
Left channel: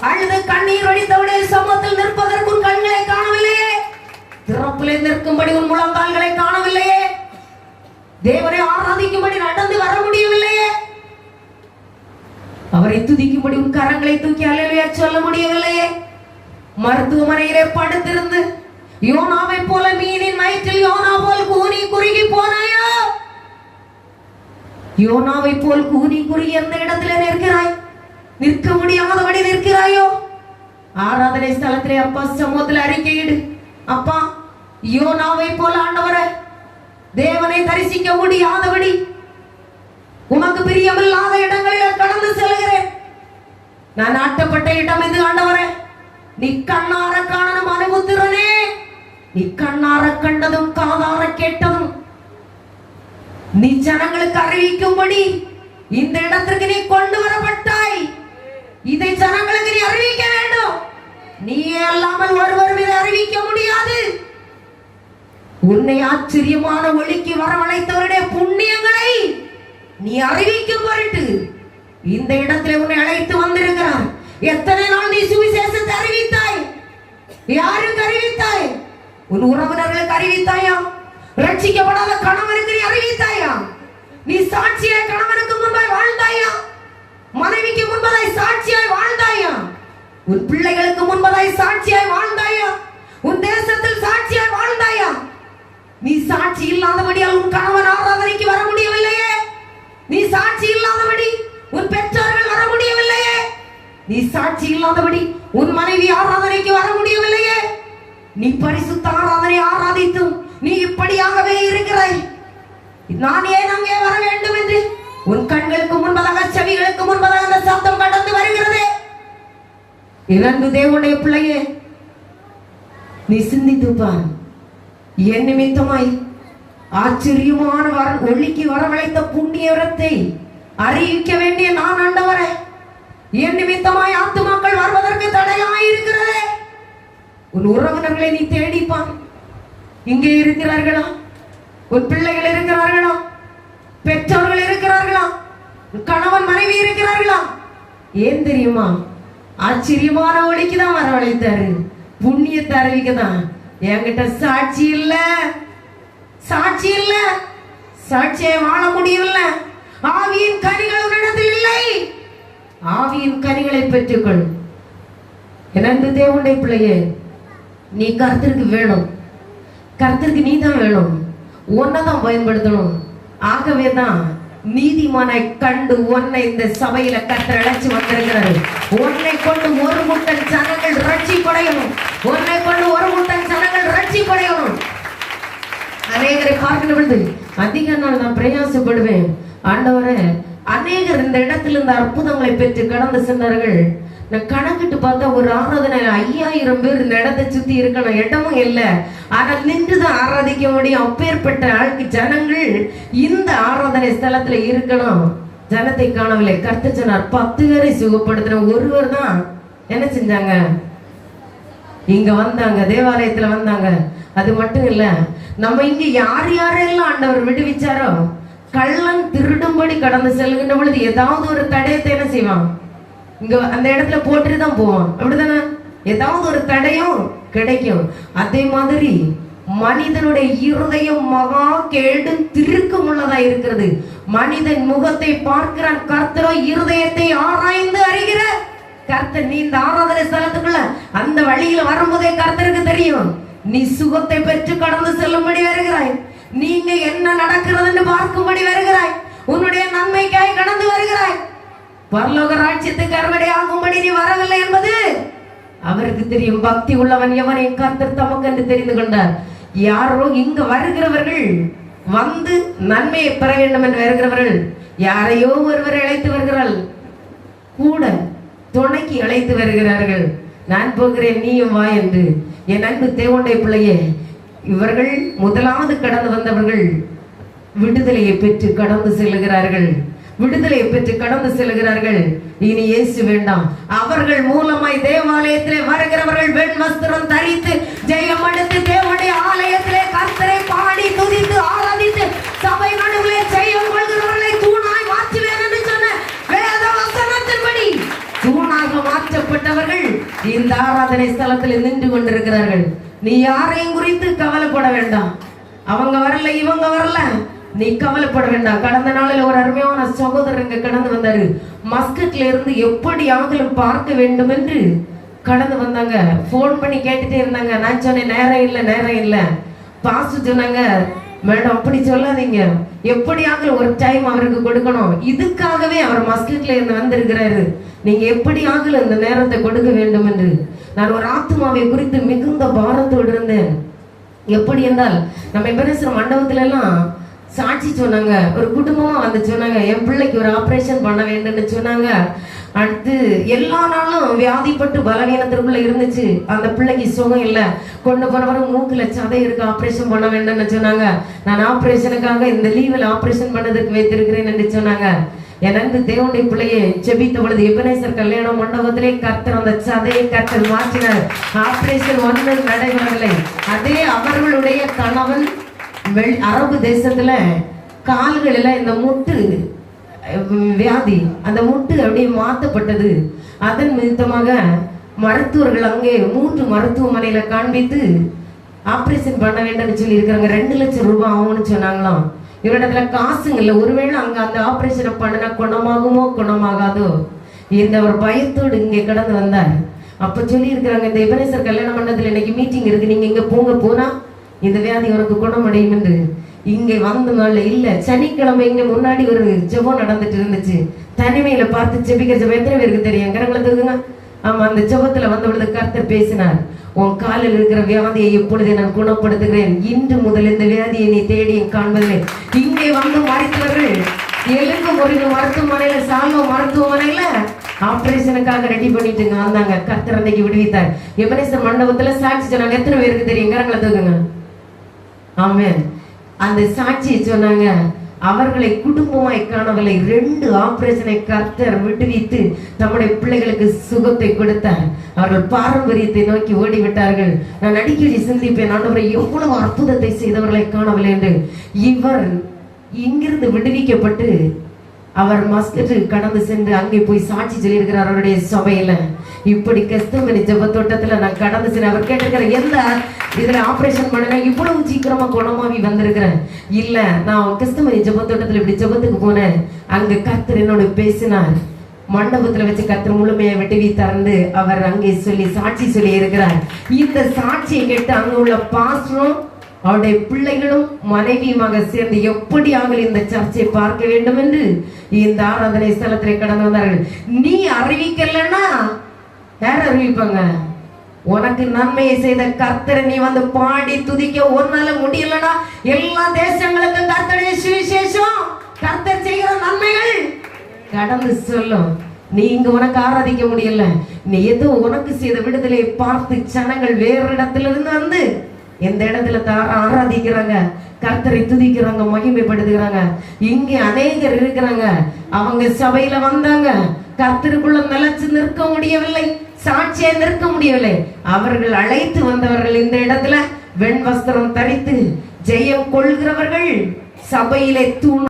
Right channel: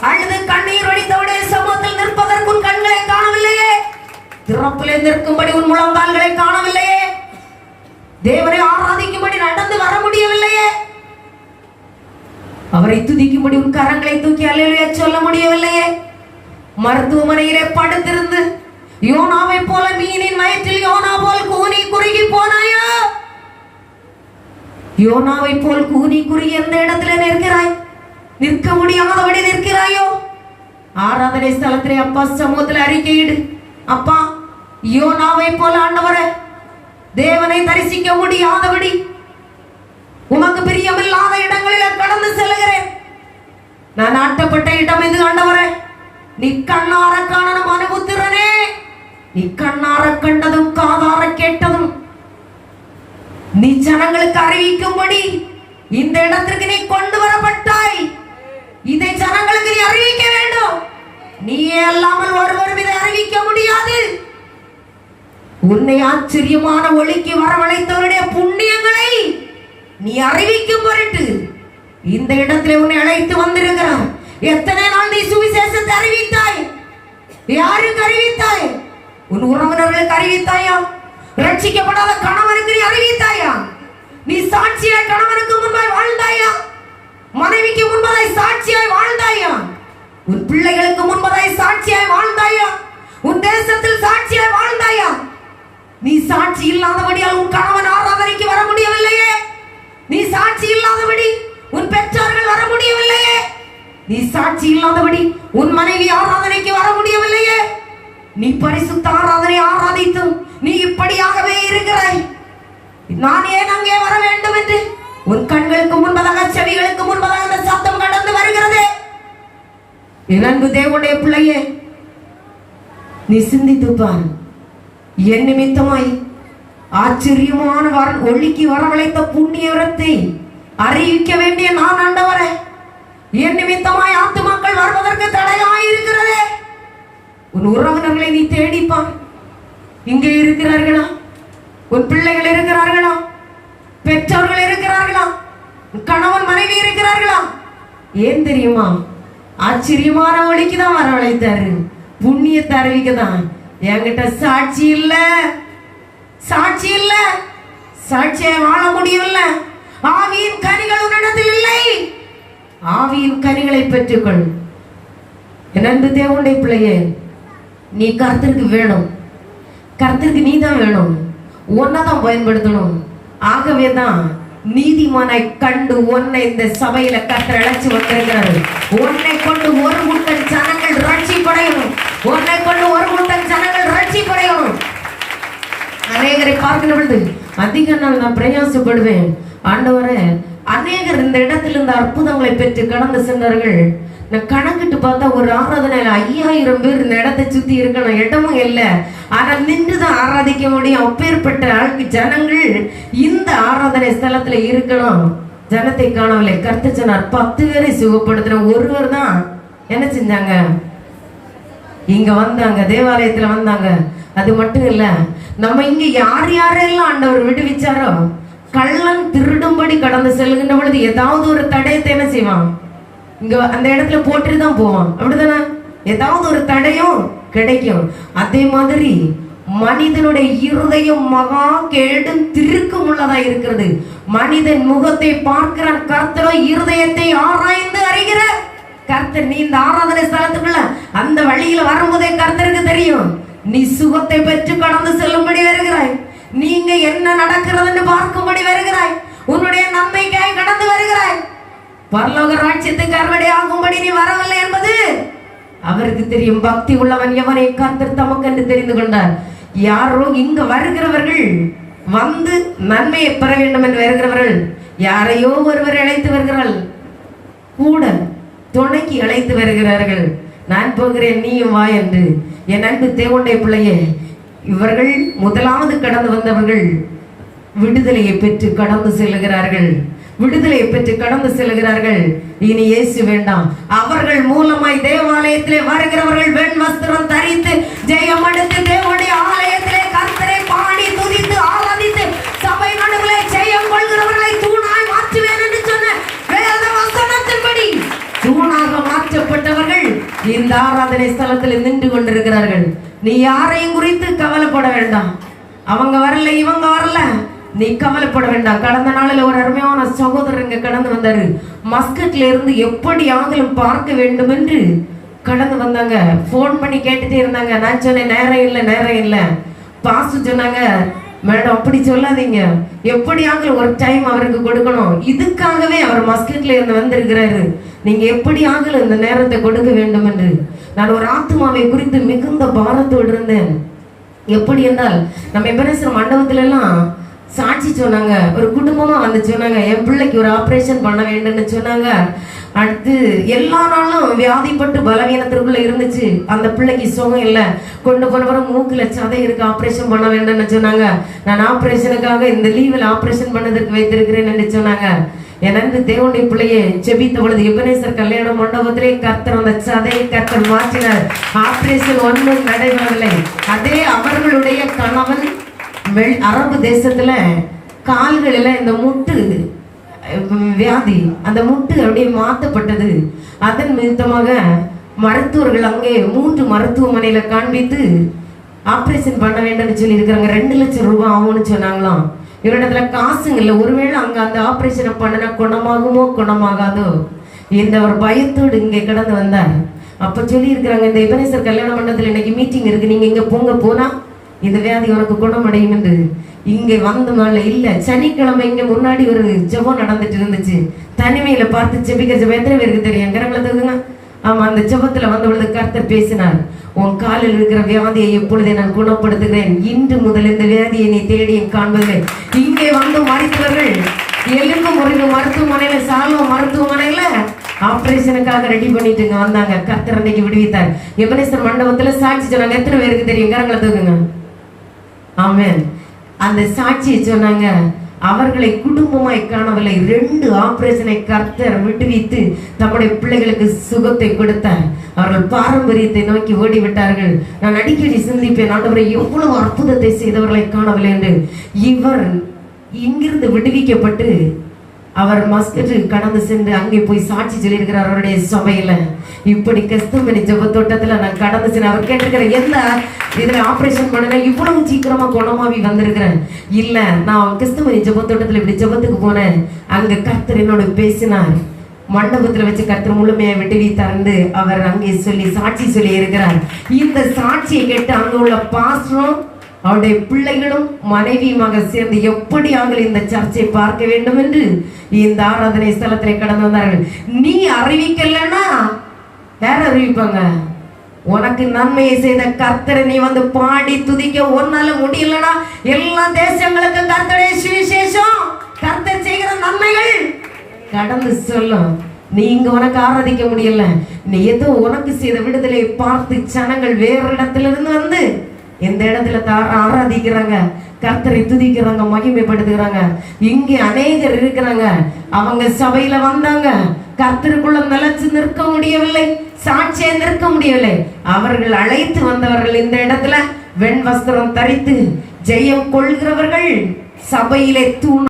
அழுது கண்ணீர் வடித்தவுடைய சமூகத்தில் நிற்பதற்கு உன் கண்களை காணவில்லையே, திறப்பிலே நிற்கும்படி உன் முழங்கால்களை காணவில்லையே, தேவனை ஆராதிக்கும்படி நடந்து வர முடியவில்லையே, அவரை துதிக்கும்படி உன் கரங்களை தூக்கி அல்லேலூயா சொல்ல முடியவில்லையே, மருத்துவமனையிலே படுத்திருந்து யோனாவை போல மீனின் வயிற்றில் யோனா போல் கூனி குறுகி போனாயோ? யோனாவை போல் கூனி குறுகி எந்த இடத்துல நிற்கிறாய்? நிற்க முடியாதபடி நிற்கிறாயோ? ஆராதனை ஸ்தலத்திலே அப்பா சமூகத்தில் அறிக்கையிடு. அப்பா, யோனாவை போல ஆண்டவரே, தேவனை தரிசிக்க முடியாதபடி உமக்கு பிரியமில்லாத இடங்களில் கடந்து செல்கிறேன். நான் ஆட்டப்பட்ட இடம் எது ஆண்டவரே? நீ கண்ணார காணணும் மனுபுத்திரனே. நீ கண்ணார கண்டதும் காதார கேட்டதும் நீ ஜனங்களுக்கு அறிவிக்கும்படி இந்த இடத்திற்கு நீ கொண்டு வரப்பட்டாய். இதை ஜனங்களுக்கு நீ அறிவிக்க வேண்டும். நீயே அல்லாமல் ஒருவரும் இதை அறிவிக்க முடியாது. உன்னை ஆச்சரியமான ஒளிக்கு வரவழைத்தவருடைய புண்ணியங்களை நீ அறிவிக்கும் பொருட்டு இந்த இடத்துல உன்னை அழைத்து வந்திருக்கிறார். எத்தனை நாள் நீ சுவிசேஷத்தை அறிவித்தாய்? யாருக்கு அறிவித்தாய்? உன் உறவினர்களுக்கு அறிவித்தாயா? ரட்சிக்கப்படாத கணவனுக்கு நீ அறிவித்தாயா? நீ சாட்சியாய் கணவனுக்கு முன்பாய் வாழ்ந்தாயா? மனைவிக்கு முன்பதாய் சாட்சியாய் வாழ்ந்தாயா? உன் பிள்ளைகளுக்கு முன்பதாய் சாட்சியாய் வாழ்ந்தாயா? உன் தேசத்தில் சாட்சியாய் வாழ்ந்தாயா? நீ சாட்சி இல்லாதபடியால் உன் கணவன் ஆராதனைக்கு வர முடியவில்லையே. நீ சாட்சி இல்லாதபடி உன் பெற்றோர்கள் வர முடியவில்லையே. நீ சாட்சி இல்லாதபடி உன் மனைவி ஆராதனைக்கு வர முடியவில்லையே. நீ பரிசுத்த ஆராதனை ஆராதித்தும் நீ இப்படியாகவே இருக்கிறாய். நான் ஏன் அங்கே வர வேண்டும் என்று உன் கண்களுக்கு முன்பதாக செவிகளுக்கு முன்பதாக அந்த சத்தம் கடந்து வருகிறதே. இரண்டு தேவனுடைய பிள்ளையே, நீ சிந்தித்து பார். என் நிமித்தமாய் ஆச்சரியமான ஒளிக்கு வரவழைத்த புண்ணியவரத்தை அறிவிக்க வேண்டிய நான் ஆண்டவரே, என் நிமித்தமாய் ஆத்துமாக்கள் வருவதற்கு தடையாய் இருக்கிறதே. உன் உறவினர்களை நீ தேடிப்பான். இங்கே இருக்கிறார்களா? உன் பிள்ளைகள் இருக்கிறார்களா? பெற்றோர்கள் இருக்கிறார்களா? கணவன் மனைவி இருக்கிறார்களா? ஏன் தெரியுமா? ஆச்சரியமான ஒளிக்கு தான் வரவழைத்தாரு, புண்ணியத்தை அறிவிக்க தான். என்கிட்ட சாட்சி இல்ல, சாட்சி இல்ல, சாட்சியை வாழ முடியவில்லை. ஆவியின் கனிகள் உன்னிடத்தில் இல்லை. ஆவியின் கனிகளை பெற்றுக்கொள். என்னென்று தேவனுடைய பிள்ளையே, நீ கர்த்தருக்கு வேணும். கர்த்தருக்கு நீ தான் வேணும். உன்னதான் பயன்படுத்தணும். ஆகவே தான் நீதிமானை கண்டு உன்னை இந்த சபையில கர்த்தர் அழைச்சு வந்திருக்கிறார். உன்னை கொண்டு ஒரு முட்டன் ஜனங்கள் ரட்சிப்படையணும். உன்னை கொண்டு ஒரு முட்டன் ஜனங்கள் ரட்சிப்படையணும். அநேகரை பார்க்கிற பொழுது அதிக நாள் நான் பிரயாசப்படுவேன். ஆண்டவரே, அநேகர் இந்த இடத்துல இந்த அற்புதங்களை பெற்று கடந்து சென்றார்கள். நான் கணக்கிட்டு பார்த்தா ஒரு ஆராதனை 5000 பேர் இந்த இடத்தை சுத்தி இருக்கணும். இடமும் இல்லை, ஆனா நின்றுதான் ஆராதிக்க முடியும். அப்பேற்பட்ட ஆளுக்கு ஜனங்கள் இந்த ஆராதனை ஸ்தலத்துல இருக்கணும். ஜனத்தை காணவில்லை. கர்த்தர் சொன்னார், 10 பேரை சுகப்படுத்தின ஒருவர் தான் என்ன செஞ்சாங்க? இங்க வந்தாங்க, தேவாலயத்துல வந்தாங்க. அது மட்டும் இல்ல, நம்ம இங்க யார் யாரெல்லாம் ஆண்டவர் விடுவிச்சாரோ, கள்ளன் திருடும்படி கடந்து செல்கின்ற பொழுது ஏதாவது ஒரு தடயத்தை என்ன செய்வான்? இங்க அந்த இடத்துல போட்டுட்டு தான் போவான். அப்படிதானே? ஏதாவது ஒரு தடையும் கிடைக்கும். அதே மாதிரி மனிதனுடைய இருதயம் மகா கேடும் திருக்கும் உள்ளதா இருக்கிறது. மனிதன் முகத்தை பார்க்கிற கர்த்தரோ இருதயத்தை ஆராய்ந்து அறிகிற கர்த்தர். நீ இந்த ஆராதனை ஸ்தலத்துக்குள்ள அந்த வழியில வரும்போதே கர்த்தருக்கு தெரியும். நீ சுகத்தை பெற்று கடந்து செல்லும்படி வருகிறாய். நீங்க என்ன நடக்கிறதுன்னு பார்க்கும்படி வருகிறாய். உன்னுடைய நன்மைக்காய் கடந்து வருகிறாய். பரலோக ராஜ்யத்துக்கு அறுவடை ஆகும்படி நீ வரவில்லை என்பது அவருக்கு தெரியும். பக்தி உள்ளவன் எவனை கர்த்தர் தமக்கென்று தெரிந்து கொண்டார். யாரோ இங்க வருகிறவர்கள் வந்து நன்மையை பெற வேண்டும் என்று வருகிறவர்கள் யாரையோ ஒருவரை அழைத்து வருகிறார்கள், கூட துணைக்கு அழைத்து வருகிறார்கள். நான் போகிறேன், நீயும் வா என்று. என் அன்பு தேவனுடைய பிள்ளையே, இவர்கள் முதலாவது கடந்து வந்தவர்கள் விடுதலையை பெற்று கடந்து செல்கிறார்கள். விடுதலை பெற்று கடந்து செல்கிறார்கள். இனி இயேசு வேண்டாம். அவர்கள் மூலமாய் தேவாலயத்திலே வருகிறவர்கள் வெண் வஸ்திரம் தரித்து ஜெயம் எடுத்து தேவனுடைய ஆலயத்திலே கர்த்தரை பாடி துதித்து ஆராதித்து சபை நடுவிலே ஜெயம் கொள்கிறவர்களை தூணாய் மாற்றுவேன் என்று சொன்ன வேத வசனத்தின்படி தூணாக மாற்றப்பட்டவர்கள் இந்த ஆராதனை ஸ்தலத்தில் நின்று கொண்டிருக்கிறார்கள். நீ யாரையும் குறித்து கவலைப்பட வேண்டாம். அவங்க வரல, இவங்க வரல, நீ கவலைப்பட வேண்டாம். கடந்த நாளில் ஒரு அருமையான சகோதரர் இங்க கடந்து வந்தாரு. மஸ்கட்ல இருந்து எப்படி ஆகலும் பார்க்க வேண்டும் என்று கடந்து வந்தாங்க. போன் பண்ணி கேட்டுட்டே இருந்தாங்க. நான் சொன்னேன், நேரம் இல்லை, நேரம் இல்லை. பாசு சொன்னாங்க, மேடம் அப்படி சொல்லாதீங்க, எப்படி ஆகலும் ஒரு டைம் அவருக்கு கொடுக்கணும். இதுக்காகவே அவர் மஸ்கட்ல இருந்து வந்திருக்கிறாரு. நீங்க எப்படி ஆகலும் இந்த நேரத்தை கொடுக்க வேண்டும் என்று. நான் ஒரு ஆத்மாவை குறித்து மிகுந்த பாரத்தோடு இருந்தேன். எப்படி என்றால், நம்ம எபனேசர் மண்டபத்துல எல்லாம் சாட்சி சொன்னாங்க. ஒரு குடும்பமா வந்து சொன்னாங்க, என் பிள்ளைக்கு ஒரு ஆபரேஷன் பண்ண வேண்டும்னு சொன்னாங்க. அடுத்து எல்லா நாளும் வியாதிப்பட்டு பலவீனத்திற்குள்ள இருந்துச்சு. அந்த பிள்ளைக்கு சுகம் இல்லை. கொண்டு போறவரை மூக்குல சதை இருக்கு, ஆபரேஷன் பண்ண வேண்டும்னு சொன்னாங்க. நான் ஆபரேஷனுக்காக இந்த லீவில் ஆபரேஷன் பண்ணதுக்கு வைத்திருக்கிறேன் என்று சொன்னாங்க. எனது தேவனுடைய பிள்ளையை செபித்த பொழுது எபனேசர் கல்யாண மண்டபத்திலே கர்த்தர் அந்த சதையை கர்த்தர் மாற்றினார். ஆபரேஷன் ஒன்று நடைபெறவில்லை. அதே அவர்களுடைய கணவன் அரபு தேசத்துல கால்களில இந்த முட்டு வியாதி, அந்த முட்டு அப்படியே மாற்றப்பட்டது. அதன் நிமித்தமாக மருத்துவர்கள் அங்கே 3 மருத்துவமனையில காண்பித்து ஆபரேஷன் பண்ண வேண்டும் சொல்லி இருக்கிறாங்க. 2 லட்சம் ரூபாய் ஆகும்னு சொன்னாங்களாம். இவரிடத்துல காசுங்க இல்லை. ஒருவேளை அங்க அந்த ஆபரேஷனை பண்ணனா குணமாகுமோ குணமாகாதோ இந்த ஒரு பயத்தோடு இங்கே கடந்து வந்தார். அப்ப சொல்லி இருக்கிறாங்க, இந்த எபனேசர் கல்யாண மண்டபத்தில் இன்னைக்கு மீட்டிங் இருக்கு, நீங்க இங்க போனா இந்த வியாதி உனக்கு குணமடையும் என்று. இங்கே வந்த நாள் இல்ல, சனிக்கிழமை இங்க முன்னாடி ஒரு ஜெபம் நடந்துட்டு இருந்துச்சு. தனிமையில பார்த்து ஜெபிக்கிற ஜெபம் எத்தனை பேருக்கு தெரியும்? கரங்களத்துக்குங்க. ஆமா, அந்த ஜெபத்துல வந்த பொழுது கர்த்தர் பேசினார். உன் காலில் இருக்கிற வியாதியை எப்பொழுதே நான் குணப்படுத்துகிறேன். இன்று முதல் இந்த வியாதியை நீ தேடி காண்பது. இங்கே வந்து மருத்துவர்கள் எலும்பு முறிவு மருத்துவமனையில, சால்வ மருத்துவமனையில ஆபரேஷனுக்காக ரெடி பண்ணிட்டு இங்க வந்தாங்க. கர்த்தர் அன்னைக்கு விடுவித்தார். எபனேசர் மண்டபத்துல சாட்சி சொன்னாங்க. எத்தனை பேருக்கு தெரியும்? கரங்களத்துக்குங்க. ஆமென். அந்த சாட்சியை சொன்னாங்க. அவர்களை குடும்பமாய் காணவில்லை. 2 ஆபரேஷனை கர்த்தர் விட்டுவித்து தம்முடைய பிள்ளைகளுக்கு சுகத்தை கொடுத்தார். அவர்கள் பாரம்பரியத்தை நோக்கி ஓடிவிட்டார்கள். நான் அடிக்கடி சிந்திப்பேன், ஆண்டவரை எவ்வளவு அற்புதத்தை செய்தவர்களை காணவில்லை என்று. இவர் இங்கிருந்து விடுவிக்கப்பட்டு அவர் மஸ்கட் கடந்து சென்று அங்கே போய் சாட்சி சொல்லியிருக்கிறார் அவருடைய சபையில. இப்படி கெஸ்தமணி ஜெப தோட்டத்துல நான் கடந்து சென்று அவர் கேட்டிருக்கிற, எந்த இதுல ஆபரேஷன் பண்ணல இவ்வளவு சீக்கிரமா குணமாவி வந்திருக்கிறேன். இல்ல, நான் கெஸ்தமணி ஜெப தோட்டத்துல இப்படி ஜெபத்துக்கு போனேன். அங்க கர்த்தர் என்னோட பேசினார். மண்டபத்துல வச்சு கர்த்தர் முழுமையை விட்டுவித்தார்ந்து அவர் அங்கே சொல்லி சாட்சி சொல்லி இருக்கிறார். இந்த சாட்சியை கேட்டு அங்க உள்ள பாஸ்டரும் அவருடைய பிள்ளைகளும் மனைவியுமாக சேர்ந்து எப்படியாக இந்த சர்ச்சை பார்க்க வேண்டும் என்று இந்த ஆராதனை ஸ்தலத்திலே கடந்து வந்தார்கள். நீ அறிவிக்கலன்னா யார் அறிவிப்பாங்க? உனக்கு நன்மையை செய்த கர்த்தரை நீ வந்து பாடி துதிக்க ஒன்னால முடியலன்னா எல்லா தேசங்களுக்கு கர்த்தருடைய சுவிசேஷம், கர்த்தர் செய்கிற நன்மைகள் கடந்து சொல்லும். நீ இங்க உனக்கு ஆராதிக்க முடியல, நீ ஏதோ உனக்கு செய்த விடுதலை பார்த்து ஜனங்கள் வேற இடத்துல இருந்து வந்து எந்த இடத்துல ஆராதிக்கிறாங்க, கர்த்தரை துதிக்கிறாங்க, மகிமைப்படுத்துகிறாங்க. இங்கே அநேகர் இருக்கிறாங்க. அவங்க சபையில வந்தாங்க, கர்த்தருக்குள்ள நிலைச்சு நிற்க முடியவில்லை, சாட்சியை நிற்க முடியவில்லை. அவர்கள் அழைத்து வந்தவர்கள் இந்த இடத்துல வெண் வஸ்திரம் தரித்து ஜெயம் கொள்கிறவர்கள் சபையிலே தூண்